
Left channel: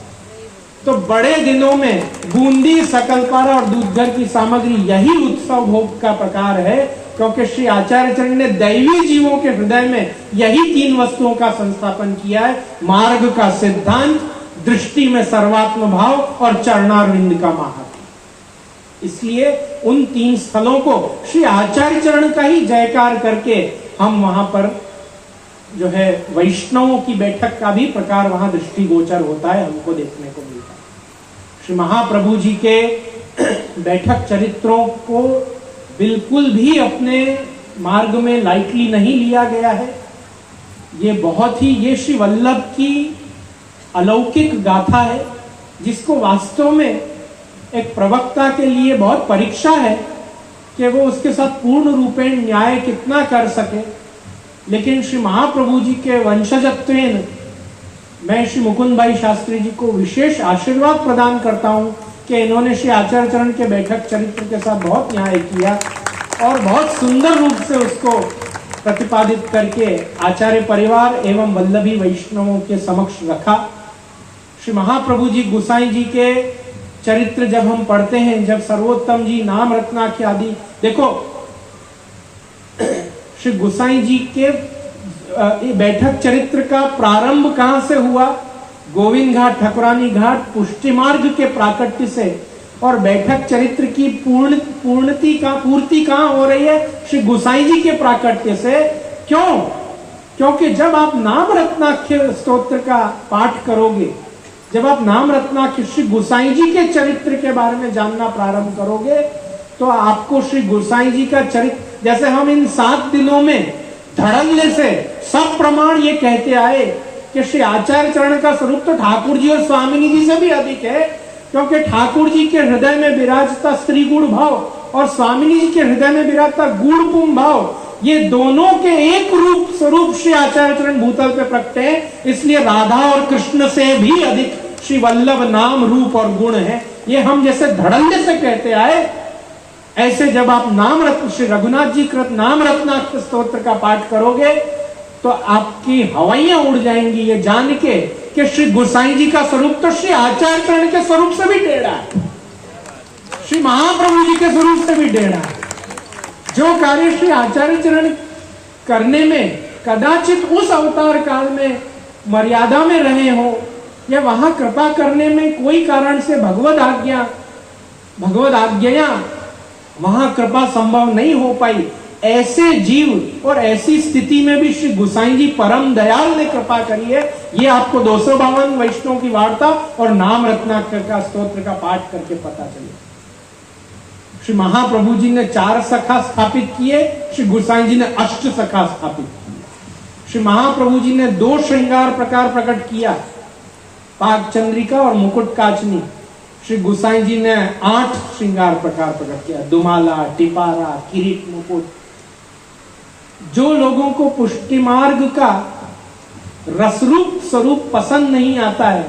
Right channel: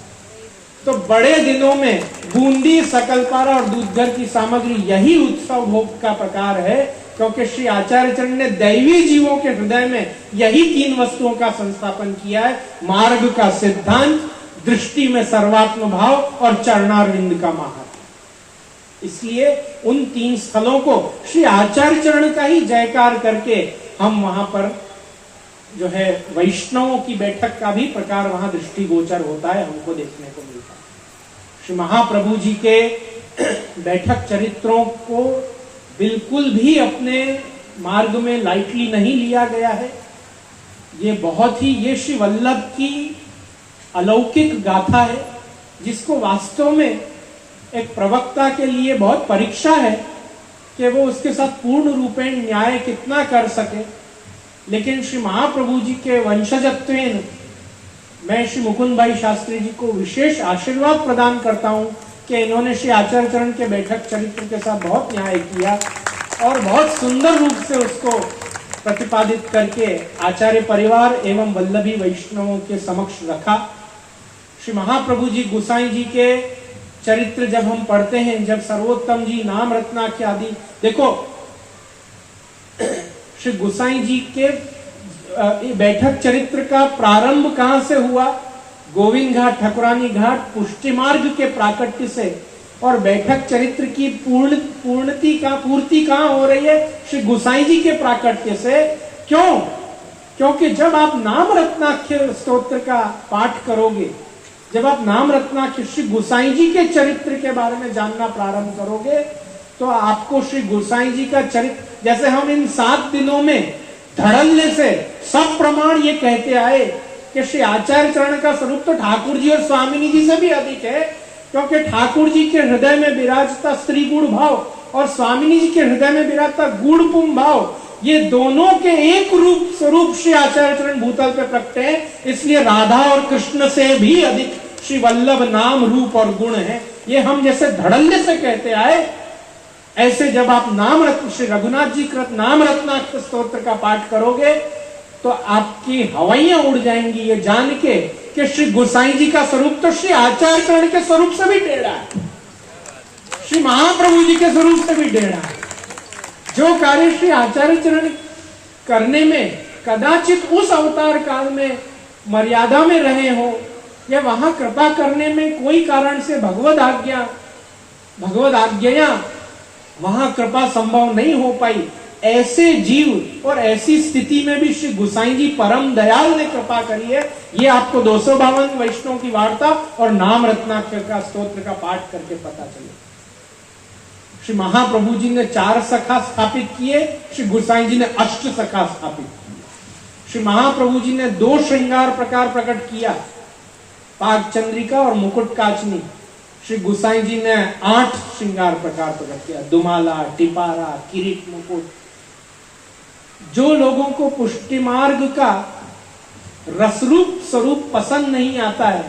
तो बड़े दिनों में बूंदी, सकलपारा और दूधघर की सामग्री, यही उत्सव भोग का प्रकार है, क्योंकि श्री आचार्य चरण ने दैवी जीवों के हृदय में यही 3 वस्तुओं का संस्थापन किया है। मार्ग का सिद्धांत, दृष्टि में सर्वात्म भाव और चरणारविंद का महात्म्य। इसलिए उन 3 स्थलों को श्री आचार्य चरण का ही जयकार करके हम वहां पर जो है वैष्णवों की बैठक का भी प्रकार वहां दृष्टिगोचर होता है, हमको देखने को मिलता है। श्री महाप्रभु जी के बैठक चरित्रों को बिल्कुल भी अपने मार्ग में लाइटली नहीं लिया गया है। ये बहुत ही, ये श्री वल्लभ की अलौकिक गाथा है, जिसको वास्तव में एक प्रवक्ता के लिए बहुत परीक्षा है कि वो उसके साथ पूर्ण रूपेण न्याय कितना कर सके। लेकिन श्री महाप्रभु जी के वंशजत्वेन मैं श्री मुकुंद भाई शास्त्री जी को विशेष आशीर्वाद प्रदान करता हूं कि इन्होंने श्री आचार्य चरण के बैठक चरित्र के साथ बहुत न्याय किया और बहुत सुंदर रूप से उसको प्रतिपादित करके आचार्य परिवार एवं वल्लभी वैष्णवों के समक्ष रखा। श्री महाप्रभु जी गोसाई जी के चरित्र जब हम पढ़ते हैं, जब सर्वोत्तम जी, नाम रत्नाख्य आदि, देखो श्री गोसाई जी के बैठक चरित्र का प्रारंभ कहां से हुआ? गोविंद घाट, ठकुरानी घाट, पुष्टि मार्ग के प्राकट्य से। और बैठक चरित्र की पूर्ति कहां हो रही है? श्री गोसाई जी के प्राकट्य से। क्यों? क्योंकि जब आप नाम रत्नाख्य स्तोत्र का पाठ करोगे जब आप नाम रत्नाकर श्री गोसाई जी के चरित्र के बारे में जानना प्रारंभ करोगे तो आपको श्री गोसाई जी का चरित्र, जैसे हम इन 7 दिनों में धड़ल्ले से सब प्रमाण ये कहते आए कि श्री आचार्य चरण का स्वरूप तो ठाकुर जी और स्वामिनी जी से भी अधिक है, क्योंकि ठाकुर जी के हृदय में विराजता स्त्री गुण भाव और स्वामिनी जी के हृदय में विराजता गुण पुम भाव, ये दोनों के एक रूप स्वरूप श्री आचार्य चरण भूतल पे प्रकटे हैं। इसलिए राधा और कृष्ण से भी अधिक श्री वल्लभ नाम रूप और गुण है। ये हम जैसे धड़ल्ले से कहते आए, ऐसे जब आप नाम रत्न श्री रघुनाथ जी कृत नाम रत्नाकर स्तोत्र का पाठ करोगे तो आपकी हवाइयां उड़ जाएंगी ये जान के कि श्री गोसाई जी का स्वरूप तो श्री आचार्य चरण के स्वरूप से भी टेढ़ा है, श्री महाप्रभु जी के स्वरूप से भी टेढ़ा है। जो कार्य श्री आचार्य चरण करने में कदाचित उस अवतार काल में मर्यादा में रहे हो या वहां कृपा करने में कोई कारण से भगवद आज्ञा वहां कृपा संभव नहीं हो पाई, ऐसे जीव और ऐसी स्थिति में भी श्री गोसाई जी परम दयाल ने कृपा करी है। ये आपको 252 वैष्णव की वार्ता और नाम रत्नाकर का स्तोत्र का पाठ करके पता चले। श्री महाप्रभु जी ने 4 सखा स्थापित किए, श्री गोसाई जी ने 8 सखा स्थापित किए। श्री महाप्रभु जी ने 2 श्रृंगार प्रकार प्रकट किया, पाक चंद्रिका और मुकुट काचनी। श्री गोसाई जी ने 8 श्रृंगार प्रकार प्रकट किया, दुमाला, टिपारा, किरीट, मुकुट। जो लोगों को पुष्टि मार्ग का रसरूप स्वरूप पसंद नहीं आता है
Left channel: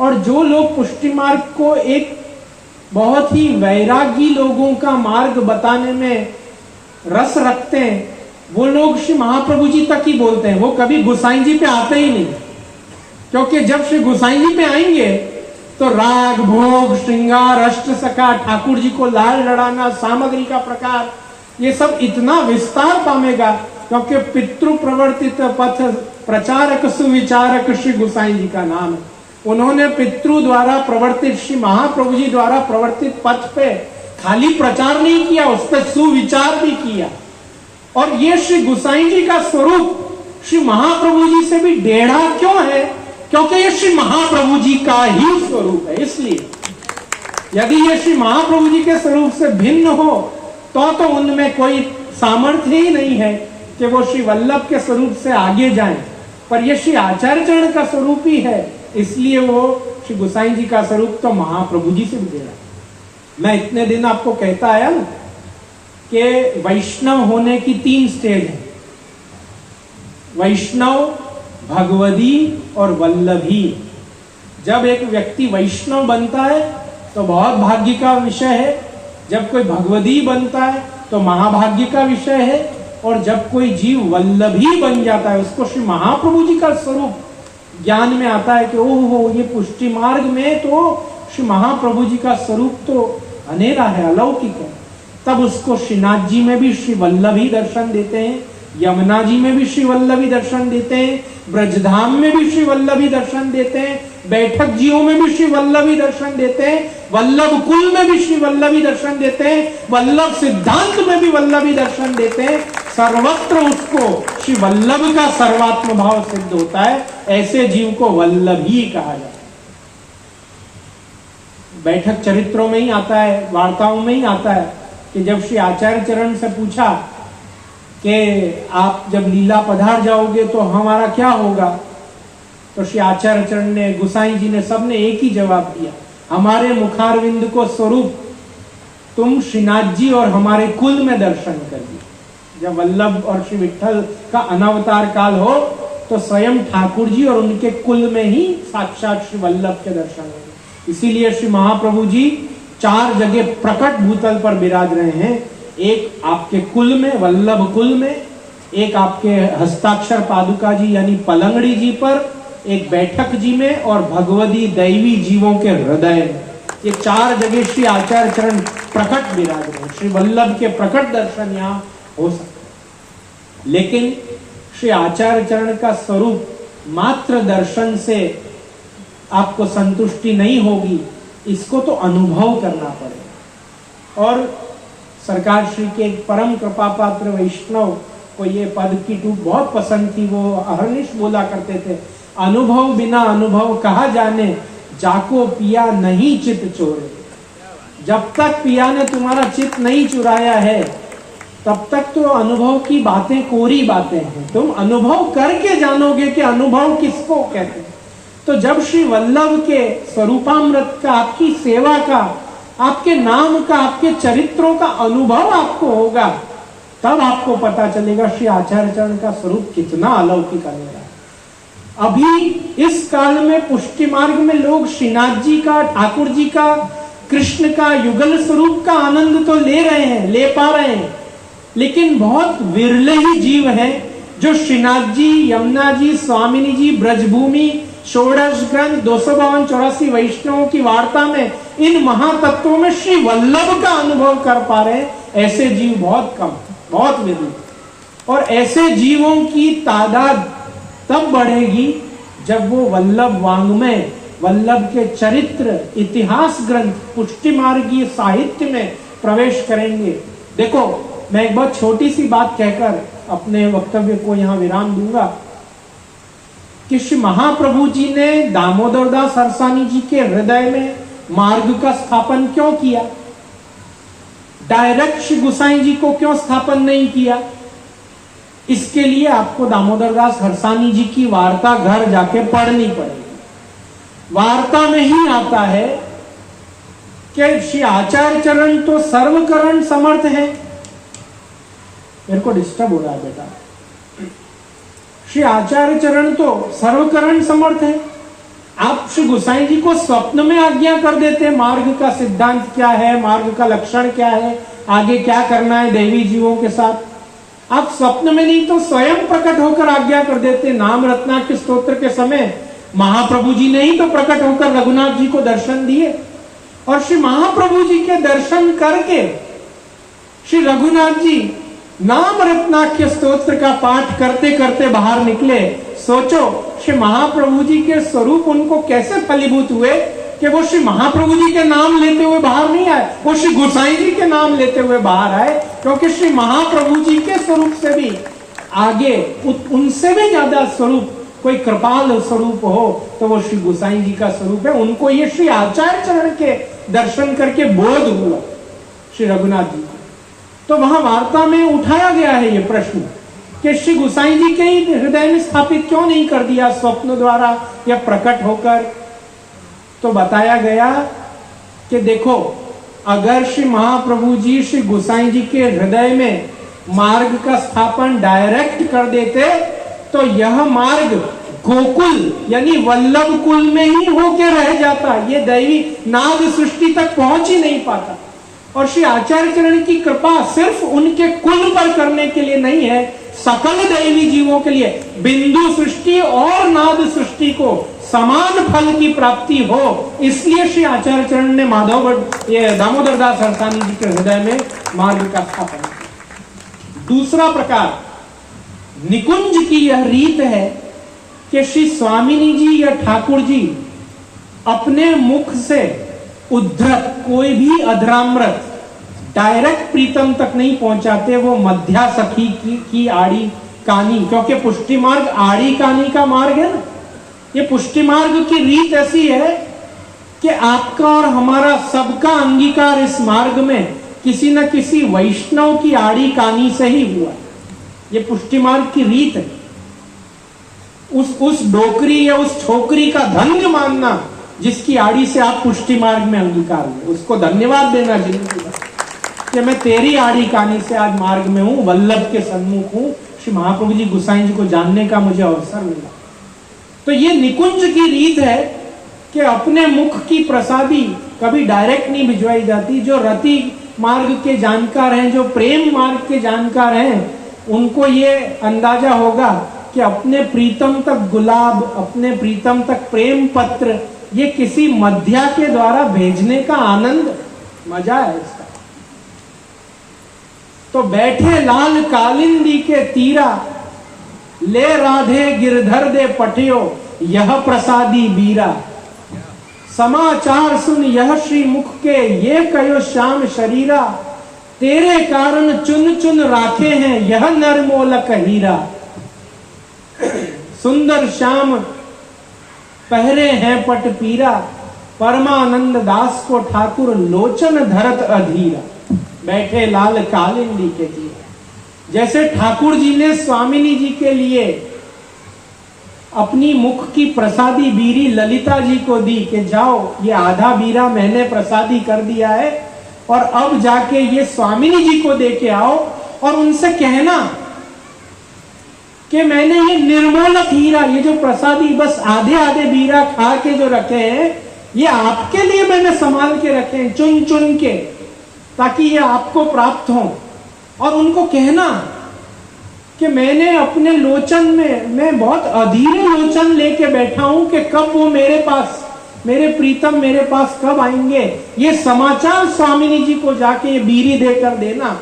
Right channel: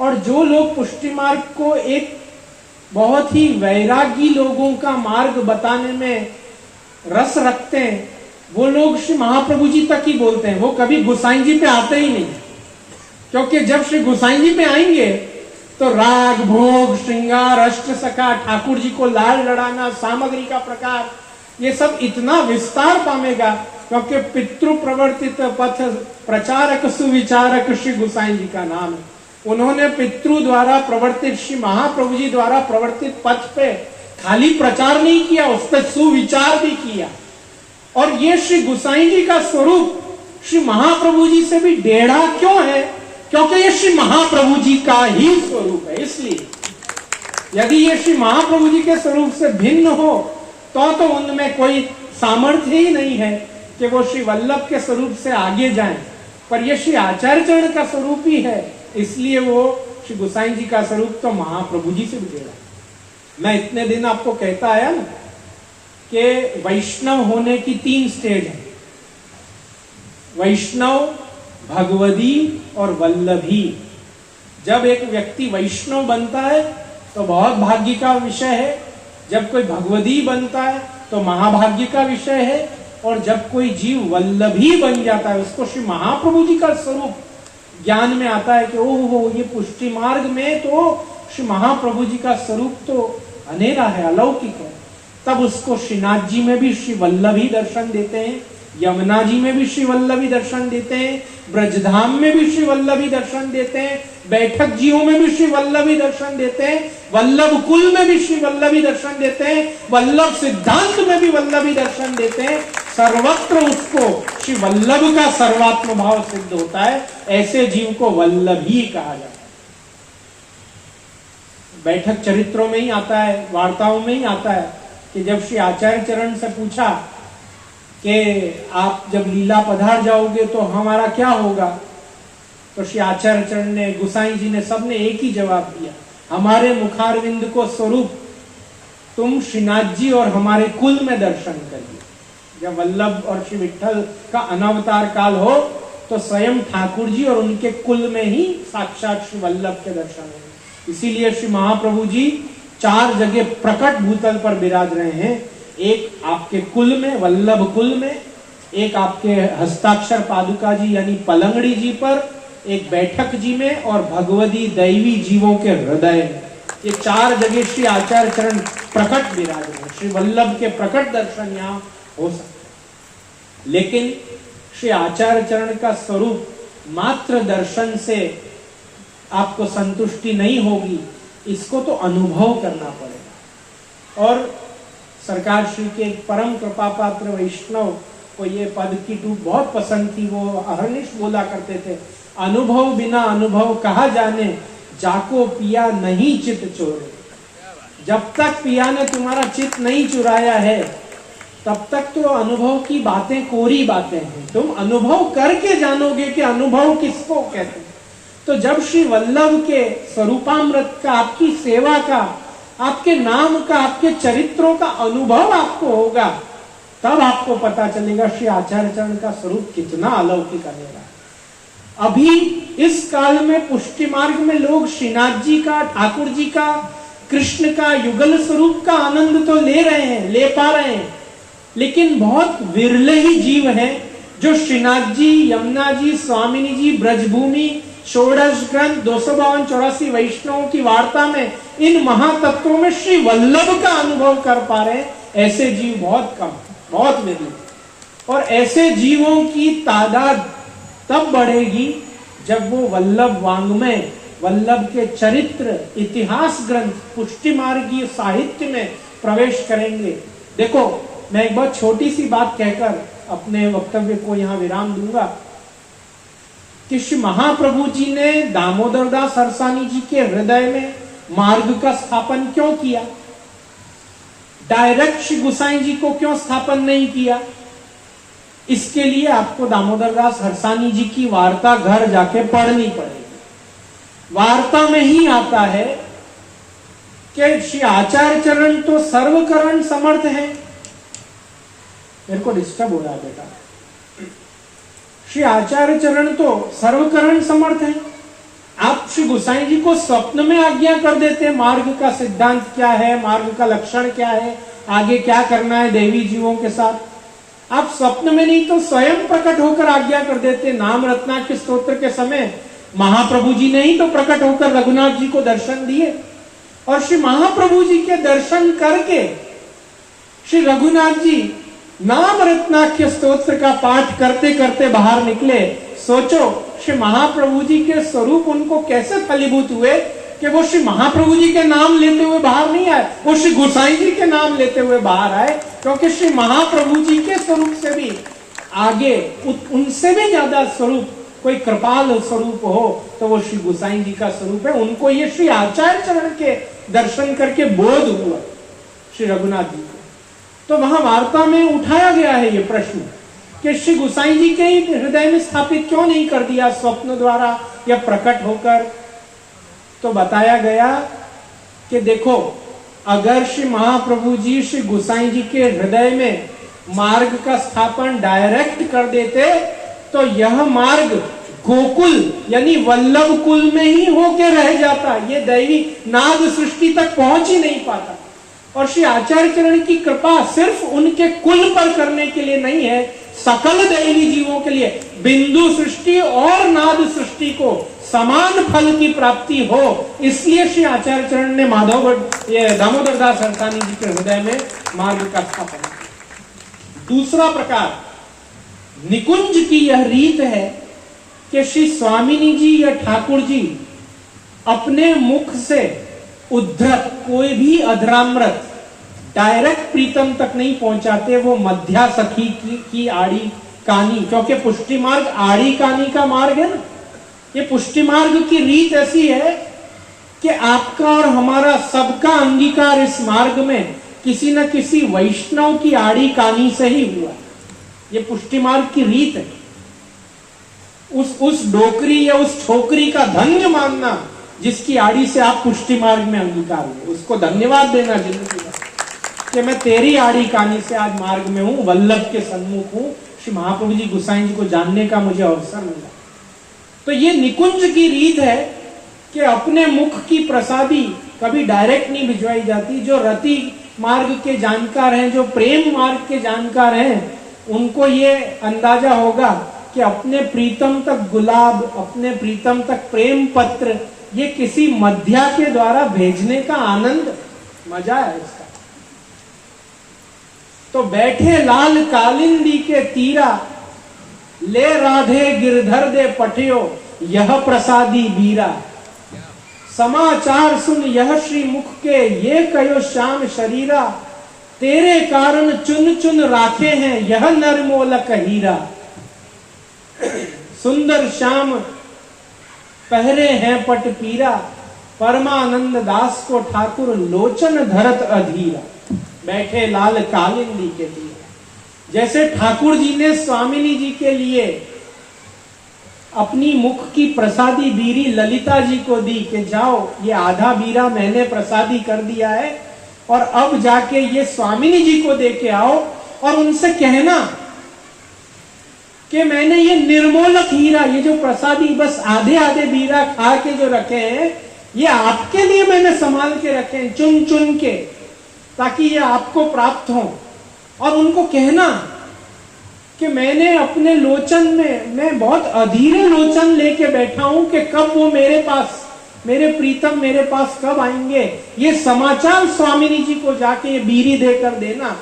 और जो लोग पुष्टि मार्ग को एक बहुत ही वैरागी लोगों का मार्ग बताने में रस रखते हैं, वो लोग श्री महाप्रभु जी तक ही बोलते हैं, वो कभी गोसाई जी पे आते ही नहीं। क्योंकि जब श्री गोसाई जी पे आएंगे तो राग, भोग, श्रृंगार, अष्ट सखा, ठाकुर जी को लाल लड़ाना, सामग्री का प्रकार, ये सब इतना विस्तार पामेगा क्योंकि पितृ प्रवर्तित पथ प्रचारक सुविचारक श्री गोसाई जी का नाम है। उन्होंने पितृ द्वारा प्रवर्तित श्री महाप्रभु जी द्वारा प्रवर्तित पथ पे खाली प्रचार नहीं किया, उस पर सुविचार भी किया। और ये श्री गोसाई जी का स्वरूप श्री महाप्रभु जी से भी टेढ़ा क्यों है? क्योंकि ये श्री महाप्रभु जी का ही स्वरूप है। इसलिए यदि ये श्री महाप्रभु जी के स्वरूप से भिन्न हो तो उनमें कोई सामर्थ्य ही नहीं है कि वो श्री वल्लभ के स्वरूप से आगे जाएं। पर ये श्री आचार्य चरण का स्वरूप ही है, इसलिए वो श्री गोसाई जी का स्वरूप तो महाप्रभु जी से भी टेढ़ा है। मैं इतने दिन आपको कहता आया ना कि वैष्णव होने की 3 स्टेज है, वैष्णव, भगवदी और वल्लभी। जब एक व्यक्ति वैष्णव बनता है तो बहुत भाग्य का विषय है, जब कोई भगवदी बनता है तो महाभाग्य का विषय है, और जब कोई जीव वल्लभी बन जाता है उसको श्री महाप्रभु जी का स्वरूप ज्ञान में आता है कि ओहो ये पुष्टि मार्ग में तो श्री महाप्रभु जी का स्वरूप तो अनेरा है, अलौकिक है। तब उसको श्रीनाथ जी में भी श्री वल्लभी दर्शन देते हैं, यमुना जी में भी श्री वल्लभी दर्शन देते हैं, ब्रजधाम में भी श्री वल्लभी दर्शन देते हैं, बैठक जियों में भी श्री वल्लभी दर्शन देते हैं, वल्लभ कुल में भी श्री वल्लभी दर्शन देते हैं, वल्लभ सिद्धांत में भी वल्लभी दर्शन देते हैं। सर्वत्र उसको श्री वल्लभ का सर्वात्म भाव सिद्ध होता है। ऐसे जीव को वल्लभी कहा जाता है। बैठक चरित्रों में ही आता है, वार्ताओं में ही आता है कि जब श्री आचार्य चरण से पूछा कि आप जब लीला पधार जाओगे तो हमारा क्या होगा, तो श्री आचार्य चरण ने, गोसाई जी ने, सबने एक ही जवाब दिया, हमारे मुखारविंद को स्वरूप तुम श्रीनाथ जी और हमारे कुल में दर्शन करिए। जब वल्लभ और श्री विठ्ठल का अनवतार काल हो तो स्वयं ठाकुर जी और उनके कुल में ही साक्षात श्री वल्लभ के दर्शन होंगे। इसीलिए श्री महाप्रभु जी 4 जगह प्रकट भूतल पर विराज रहे हैं। एक आपके कुल में, वल्लभ कुल में, एक आपके हस्ताक्षर पादुका जी यानी पलंगड़ी जी पर, एक बैठक जी में, और भगवदी दैवी जीवों के हृदय में। ये 4 जगह श्री आचार्य चरण प्रकट विराज रहे। श्री वल्लभ के प्रकट दर्शन यहाँ हो सकते। लेकिन श्री आचार्य चरण का स्वरूप मात्र दर्शन से आपको संतुष्टि नहीं होगी, इसको तो अनुभव करना पड़ेगा। और सरकार श्री के एक परम कृपा पात्र वैष्णव को ये पद की टूक बहुत पसंद थी। वो अहर्निश बोला करते थे अनुभव बिना अनुभव कहा जाने, जाको पिया नहीं चित चोर। जब तक पिया ने तुम्हारा चित नहीं चुराया है तब तक तो अनुभव की बातें कोरी बातें हैं। तुम अनुभव करके जानोगे कि अनुभव किसको कहते हैं। तो जब श्री वल्लभ के स्वरूपामृत का, आपकी सेवा का, आपके नाम का, आपके चरित्रों का अनुभव आपको होगा, तब आपको पता चलेगा श्री आचार्य चरण का स्वरूप कितना अलौकिक है। अभी इस काल में पुष्टि मार्ग में लोग श्रीनाथ जी का, ठाकुर जी का, कृष्ण का युगल स्वरूप का आनंद तो ले रहे हैं, ले पा रहे हैं, लेकिन बहुत विरले ही जीव हैं जो श्रीनाथ जी, यमुना जी, स्वामिनी जी, ब्रजभूमि, षोडश ग्रंथ, 252-84 वैष्णवों की वार्ता में इन महातत्वों में श्री वल्लभ का अनुभव कर पा रहे हैं। ऐसे जीव बहुत कम, बहुत विरल। और ऐसे जीवों की तादाद तब बढ़ेगी जब वो वल्लभ वाङ्मय, वल्लभ के चरित्र, इतिहास ग्रंथ, पुष्टि मार्गीय साहित्य में प्रवेश करेंगे। देखो, मैं एक बहुत छोटी सी बात कहकर अपने वक्तव्य को यहां विराम दूंगा कि श्री महाप्रभु जी ने दामोदर दास हरसानी जी के हृदय में मार्ग का स्थापन क्यों किया? डायरेक्ट श्री गुसाई जी को क्यों स्थापन नहीं किया? इसके लिए आपको दामोदर दास हरसानी जी की वार्ता घर जाके पढ़नी पड़ेगी। वार्ता में ही आता है कि श्री आचार्य चरण तो सर्वकरण समर्थ है। मेरे को डिस्टर्ब हो रहा है बेटा। श्री आचार्य चरण तो सर्वकरण समर्थ है। आप श्री गुसाई जी को स्वप्न में आज्ञा कर देते, मार्ग का सिद्धांत क्या है, मार्ग का लक्षण क्या है, आगे क्या करना है देवी जीवों के साथ। आप स्वप्न में नहीं तो स्वयं प्रकट होकर आज्ञा कर देते। नाम रत्नाकर स्तोत्र के समय महाप्रभु जी ने ही तो प्रकट होकर रघुनाथ जी को दर्शन दिए, और श्री महाप्रभु जी के दर्शन करके श्री रघुनाथ जी नाम रत्नाख्य स्तोत्र का पाठ करते करते बाहर निकले। सोचो, श्री महाप्रभु जी के स्वरूप उनको कैसे फलीभूत हुए कि वो श्री महाप्रभु जी के नाम लेते हुए बाहर नहीं आए, वो श्री गोसाई जी के नाम लेते हुए बाहर आए। क्योंकि श्री महाप्रभु जी के स्वरूप से भी आगे, उनसे भी ज्यादा स्वरूप कोई कृपाल स्वरूप हो तो वो श्री गोसाई जी का स्वरूप है। उनको ये श्री आचार्य चरण के दर्शन करके बोध हुआ श्री रघुनाथ जी। तो वहां वार्ता में उठाया गया है ये प्रश्न कि श्री गोसाई जी के हृदय में स्थापित क्यों नहीं कर दिया स्वप्न द्वारा या प्रकट होकर। तो बताया गया कि देखो, अगर श्री महाप्रभु जी श्री गोसाई जी के हृदय में मार्ग का स्थापन डायरेक्ट कर देते तो यह मार्ग गोकुल यानी वल्लभ कुल में ही होके रह जाता, ये दैवी नाद सृष्टि तक पहुंच ही नहीं पाता। और श्री आचार्य चरण की कृपा सिर्फ उनके कुल पर करने के लिए नहीं है, सकल दैवी जीवों के लिए, बिंदु सृष्टि और नाद सृष्टि को समान फल की प्राप्ति हो, इसलिए श्री आचार्य चरण ने माधव ये दामोदर दास हरसानी जी के हृदय में मार्ग का स्थापन किया। दूसरा प्रकार निकुंज की यह रीत है कि श्री स्वामिनी जी या ठाकुर जी अपने मुख से उद्धृत कोई भी अधरामृत डायरेक्ट प्रीतम तक नहीं पहुंचाते, वो मध्या सखी की आड़ी कानी, क्योंकि पुष्टि मार्ग आड़ी कानी का मार्ग है ना। ये पुष्टि मार्ग की रीत ऐसी है कि आपका और हमारा सबका अंगीकार इस मार्ग में किसी न किसी वैष्णव की आड़ी कानी से ही हुआ। ये पुष्टि मार्ग की रीत है। उस डोकरी या उस छोकरी का धन्य मानना जिसकी आड़ी से आप पुष्टि मार्ग में अंगीकार हुए, उसको धन्यवाद देना जिंदगी में कि मैं तेरी आड़ी कानी से आज मार्ग में हूं, वल्लभ के सन्मुख हूं, श्री महाप्रभु जी गोसाई जी को जानने का मुझे अवसर मिला। तो ये निकुंज की रीत है कि अपने मुख की प्रसादी कभी डायरेक्ट नहीं भिजवाई जाती। जो रति मार्ग के जानकार हैं, जो प्रेम मार्ग के जानकार हैं, उनको ये अंदाजा होगा कि अपने प्रीतम तक गुलाब, अपने प्रीतम तक प्रेम पत्र, ये किसी मध्या के द्वारा भेजने का आनंद, मजा है इसका। तो बैठे लाल कालिंदी के तीरा, ले राधे गिरधर दे पठियो, यह प्रसादी बीरा। समाचार सुन यह श्री मुख के, ये कयो श्याम शरीरा, तेरे कारण चुन चुन राखे हैं, यह नरमोलक हीरा। सुंदर श्याम पहरे हैं पट पीरा, परमानंद दास को ठाकुर लोचन धरत अधीरा, बैठे लाल कालिंदी के तीर। जैसे ठाकुर जी ने स्वामिनी जी के लिए अपनी मुख की प्रसादी बीरी ललिता जी को दी कि जाओ ये आधा बीरा मैंने प्रसादी कर दिया है और अब जाके ये स्वामिनी जी को दे के आओ और उनसे कहना कि मैंने ये निर्मोलक हीरा, ये जो प्रसादी बस आधे आधे बीरा खा के जो रखे हैं, ये आपके लिए मैंने संभाल के रखे हैं चुन चुन के, ताकि ये आपको प्राप्त हो। और उनको कहना कि मैंने अपने लोचन में मैं बहुत अधीरे लोचन लेके बैठा हूं कि कब वो मेरे पास, मेरे प्रीतम मेरे पास कब आएंगे, ये समाचार स्वामिनी जी को जाके ये बीरी देकर देना।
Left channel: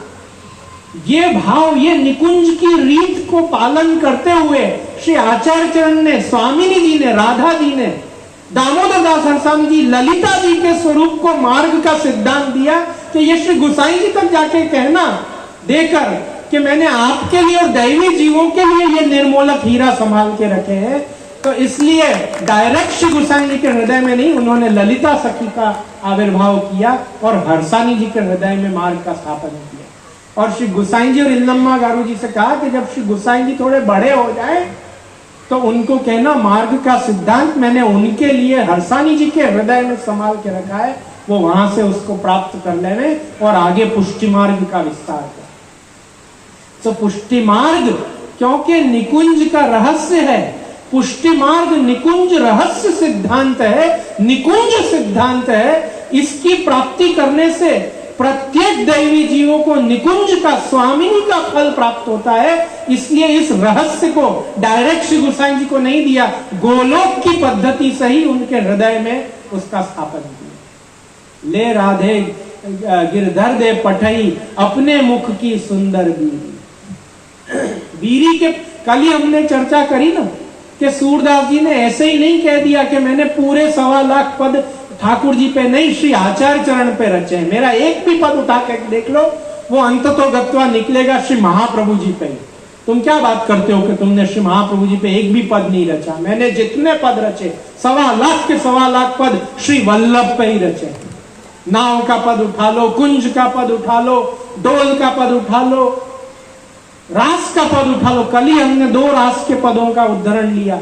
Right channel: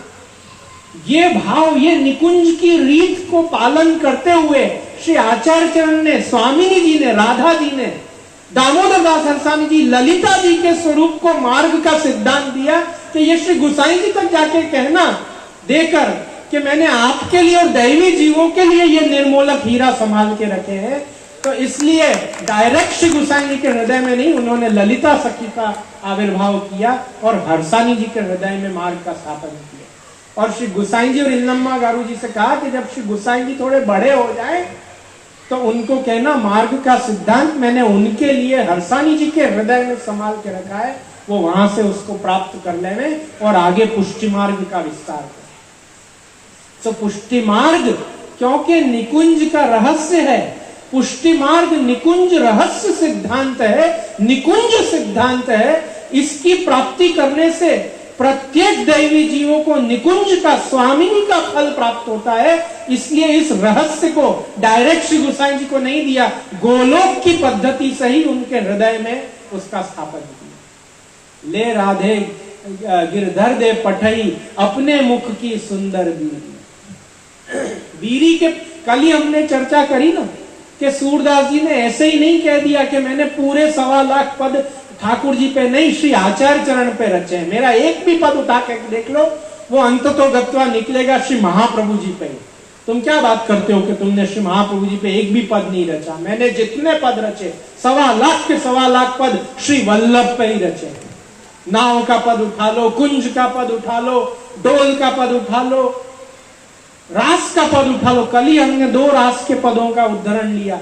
ये भाव, ये निकुंज की रीत को पालन करते हुए श्री आचार्य चरण ने, स्वामिनी जी ने, राधा जी ने, दामोदर दास हरसानी जी, ललिता जी के स्वरूप को मार्ग का सिद्धांत दिया कि ये श्री गुसाई जी तक जाके कहना देकर कि मैंने आपके लिए और दैवी जीवों के लिए ये निर्मोलक हीरा संभाल के रखे हैं। तो इसलिए डायरेक्ट श्री गुसाई जी के हृदय में नहीं, उन्होंने ललिता सखी का आविर्भाव किया और हरसानी जी के हृदय में मार्ग का स्थापन किया। और श्री गुसाई जी और इन्नम्मा गारू जी से कहा कि जब श्री गुसाई जी थोड़े बड़े हो जाए तो उनको कहना मार्ग का सिद्धांत मैंने उनके लिए हरसानी जी के हृदय में संभाल के रखा है, वो वहां से उसको प्राप्त कर लेने और आगे पुष्टि मार्ग का विस्तार करें। तो पुष्टि मार्ग क्योंकि निकुंज का रहस्य है, पुष्टि मार्ग निकुंज रहस्य सिद्धांत है, निकुंज सिद्धांत है। इसकी प्राप्ति करने से प्रत्येक दैवी जीवों को निकुंज का, स्वामिनी का फल प्राप्त होता है। इसलिए इस रहस्य को डायरेक्ट श्री गुसाई जी को नहीं दिया, गोलोक की पद्धति से ही उनके हृदय में उसका स्थापन किया। ले राधे गिरधर दे पठई, अपने मुख की सुंदर बीरी। बीरी के कल ही हमने चर्चा करी ना कि सूरदास जी ने ऐसे ही नहीं कह दिया कि मैंने पूरे 1.25 लाख पद ठाकुर जी पे नहीं, श्री आचार्य चरण पे रचे हैं। मेरा एक भी पद उठा के देख लो, वो अंततोगत्वा निकलेगा श्री महाप्रभु जी पे। तुम क्या बात करते हो कि तुमने श्री महाप्रभु जी पे एक भी पद नहीं रचा? मैंने जितने पद रचे 1.25 लाख के 1.25 लाख पद श्री वल्लभ पे ही रचे। नाव का पद उठा लो, कुंज का पद उठा लो, डोल का पद उठा लो, रास का पद उठा लो। कल ही हमने 2 रास के पदों का उदाहरण लिया।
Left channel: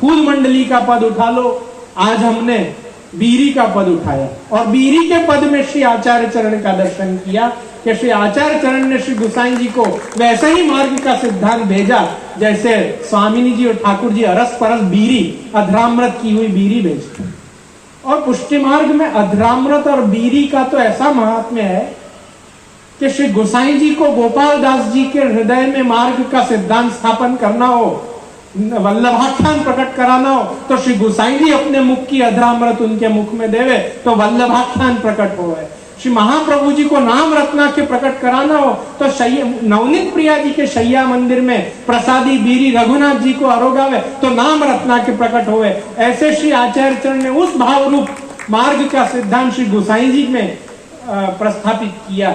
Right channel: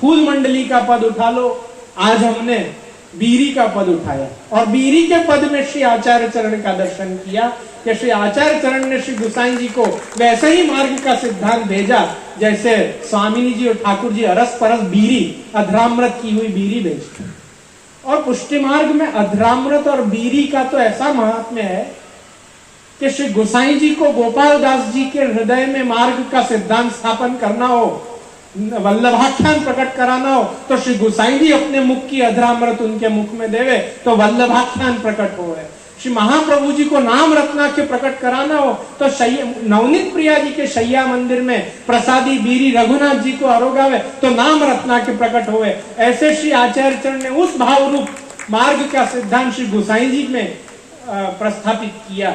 फूल मंडली का पद उठा लो, आज हमने बीरी का पद उठाया। और बीरी के पद में श्री आचार्य चरण का दर्शन किया कि श्री आचार्य चरण ने श्री गुसाई जी को वैसे ही मार्ग का सिद्धांत भेजा जैसे स्वामिनी जी और ठाकुर जी अरस परस बीरी, अधरामृत की हुई बीरी भेजते। और पुष्टि मार्ग में अधरामृत और बीरी का तो ऐसा महात्म्य है कि श्री गोसाई जी को गोपाल दास जी के हृदय में मार्ग का सिद्धांत स्थापन करना हो, वल्लभाख्यान प्रकट कराना हो, तो श्री गोसाई जी अपने मुख की अधरामृत उनके मुख में देवे तो वल्लभाख्यान प्रकट हो। श्री महाप्रभु जी को नाम रत्ना के प्रकट कराना हो तो नवनीत प्रिया जी के शैया मंदिर में प्रसादी बीरी रघुनाथ जी को आरोगावे तो नाम रत्ना के प्रकट होवे। ऐसे श्री आचार्य चरण ने उस भाव रूप मार्ग का सिद्धांत श्री गोसाई जी में प्रस्थापित किया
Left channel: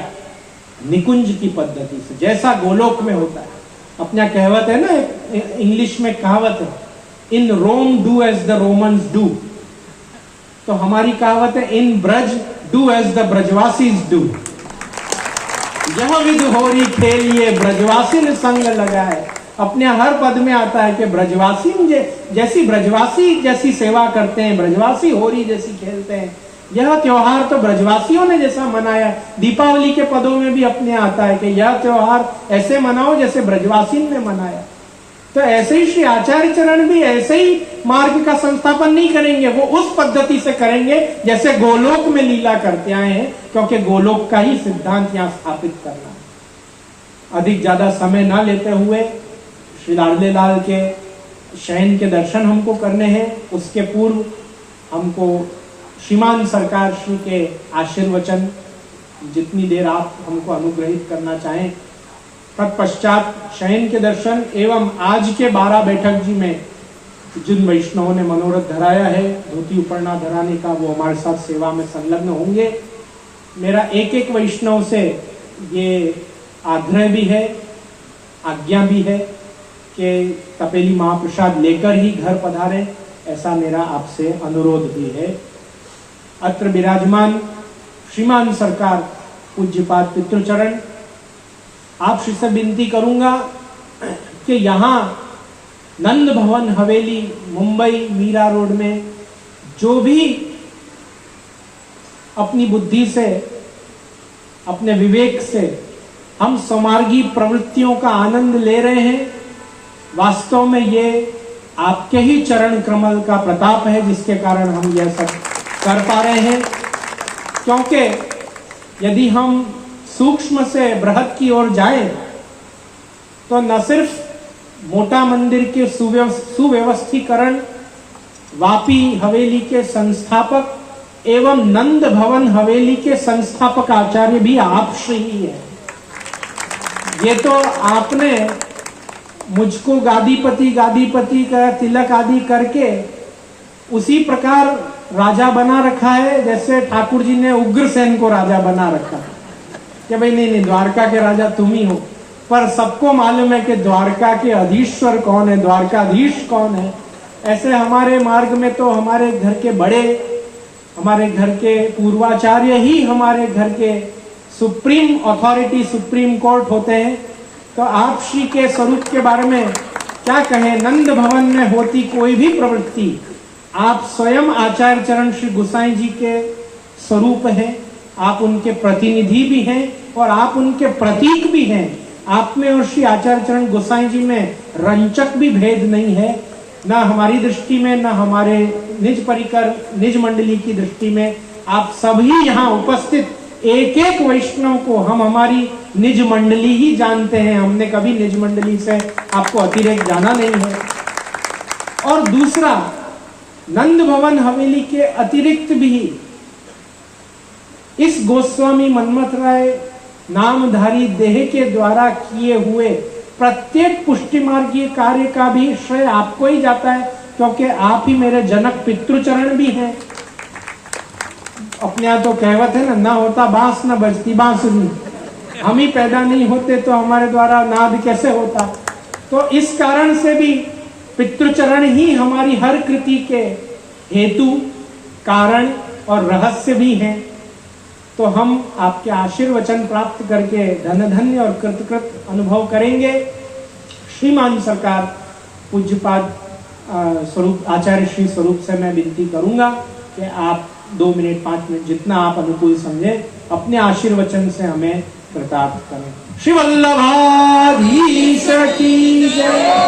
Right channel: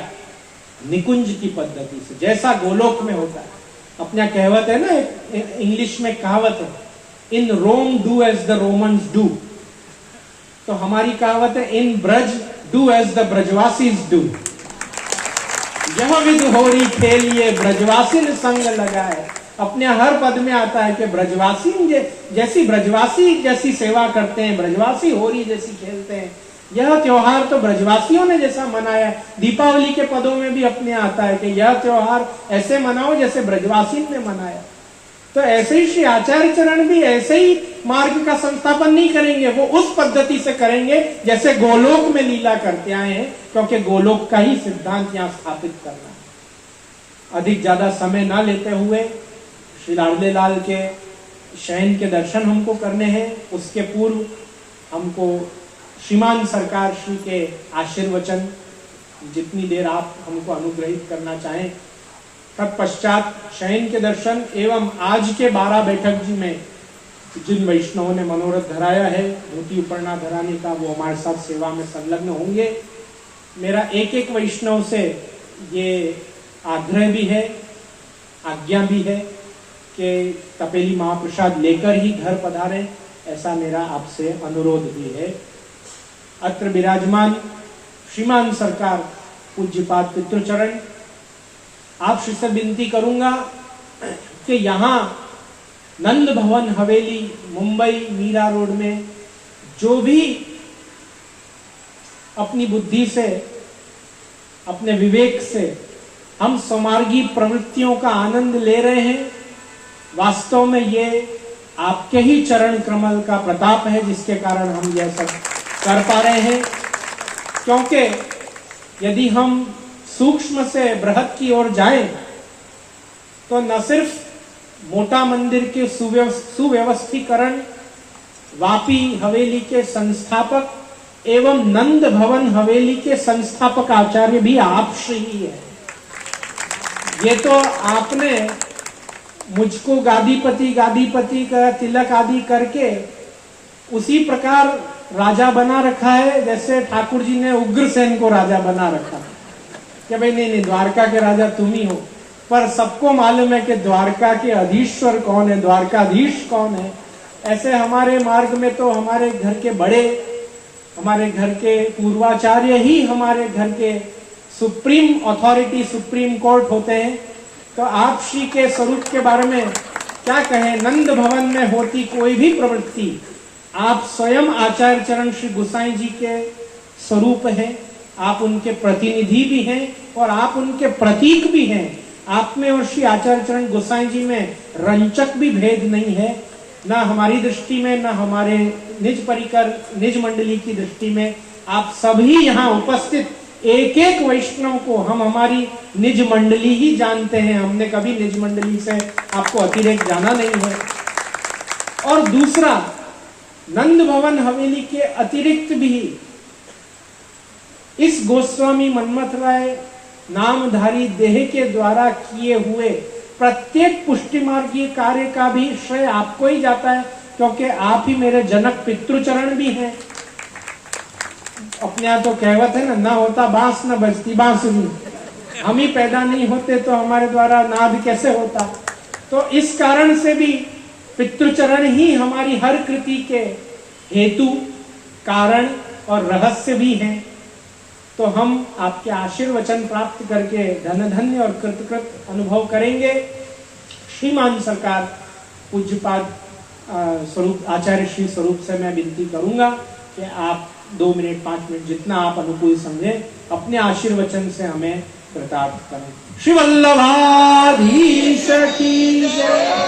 निकुंज की पद्धति से, जैसा गोलोक में होता है। अपना कहावत है ना, इंग्लिश में कहावत है, in Rome do as the Romans do. तो हमारी कहावत है, in Braj do as the Brajwasis do. यह विध होरी खेलिए ब्रजवासी ने संग लगाए। अपने हर पद में आता है कि ब्रजवासी जैसी सेवा करते हैं, ब्रजवासी होरी जैसी खेलते हैं। यह त्योहार तो ब्रजवासियों ने जैसा मनाया, दीपावली के पदों में भी अपने आता है कि यह त्योहार ऐसे मनाओ जैसे ब्रजवासी ने मनाया। तो ऐसे ही श्री आचार्य चरण भी ऐसे ही मार्ग का संस्थापन नहीं करेंगे, वो उस पद्धति से करेंगे जैसे गोलोक में लीला करते आए हैं, क्योंकि गोलोक का ही सिद्धांत यहाँ स्थापित करना है। अधिक ज्यादा समय ना लेते हुए श्री लाडले लाल के शयन के दर्शन हमको करने हैं। उसके पूर्व हमको श्रीमान सरकार श्री के आशीर्वचन जितनी देर आप हमको अनुग्रहित करना चाहें, तत्पश्चात शयन के दर्शन एवं आज के 12 बैठक जी में जिन वैष्णवों ने मनोरथ धराया है धोती उपरना धराने का, वो हमारे साथ सेवा में संलग्न होंगे। मेरा एक एक वैष्णव से ये आग्रह भी है, आज्ञा भी है कि तपेली महाप्रसाद लेकर ही घर पधारें ऐसा मेरा आपसे अनुरोध भी है। अत्र विराजमान श्रीमान सरकार पूज्यपाद पितृचरण, आपसे से विनती करूंगा कि यहाँ नंद भवन हवेली मुंबई मीरा रोड में जो भी अपनी बुद्धि से, अपने विवेक से हम समार्गी प्रवृत्तियों का आनंद ले रहे हैं, वास्तव में ये आपके ही चरण कमल का प्रताप है जिसके कारण हम यह सब कर पा रहे हैं। क्योंकि यदि हम सूक्ष्म से बृहद की ओर जाएं तो न सिर्फ मोटा मंदिर के सुव्यवस्थीकरण, वापी हवेली के संस्थापक एवं नंद भवन हवेली के संस्थापक आचार्य भी आप श्री ही है। ये तो आपने मुझको गादीपति का तिलक आदि करके उसी प्रकार राजा बना रखा है जैसे ठाकुर जी ने उग्रसेन को राजा बना रखा है कि भाई नहीं, द्वारका के राजा तुम ही हो। पर सबको मालूम है कि द्वारका के अधीश्वर कौन है, द्वारकाधीश कौन है। ऐसे हमारे मार्ग में तो हमारे घर के बड़े, हमारे घर के पूर्वाचार्य ही हमारे घर के सुप्रीम अथॉरिटी, सुप्रीम कोर्ट होते हैं। तो आप श्री के स्वरूप के बारे में क्या कहें। नंद भवन में होती कोई भी प्रवृत्ति, आप स्वयं आचार्य चरण श्री गोसाई जी के स्वरूप हैं, आप उनके प्रतिनिधि भी हैं और आप उनके प्रतीक भी हैं। आप में और श्री आचार्य चरण गोसाई जी में रंचक भी भेद नहीं है, ना हमारी दृष्टि में, ना हमारे निज परिकर निज मंडली की दृष्टि में। आप सभी यहाँ उपस्थित एक एक वैष्णव को हम हमारी निज मंडली ही जानते हैं। हमने कभी निज मंडली से आपको अतिरेक जाना नहीं है। और दूसरा, नंद भवन हवेली के अतिरिक्त भी इस गोस्वामी मनमथ राय नामधारी देह के द्वारा किए हुए प्रत्येक पुष्टि मार्गीय कार्य का भी श्रेय आपको ही जाता है, क्योंकि आप ही मेरे जनक पितृचरण भी हैं। अपने यहाँ तो कहवत है ना होता बांस न बजती बांसुरी। हम ही पैदा नहीं होते तो हमारे द्वारा नाद कैसे होता। तो इस कारण से भी पितृचरण ही हमारी हर कृति के हेतु, कारण और रहस्य भी हैं। तो हम आपके आशीर्वचन प्राप्त करके धन धन्य और कृतकृत अनुभव करेंगे। श्रीमान सरकार पूज्यपाद स्वरूप आचार्य श्री स्वरूप से मैं विनती करूंगा कि आप 2 मिनट 5 मिनट जितना आप अनुकूल समझे अपने आशीर्वचन से हमें कृतार्थ करें। श्री वल्लभाधीश की जय।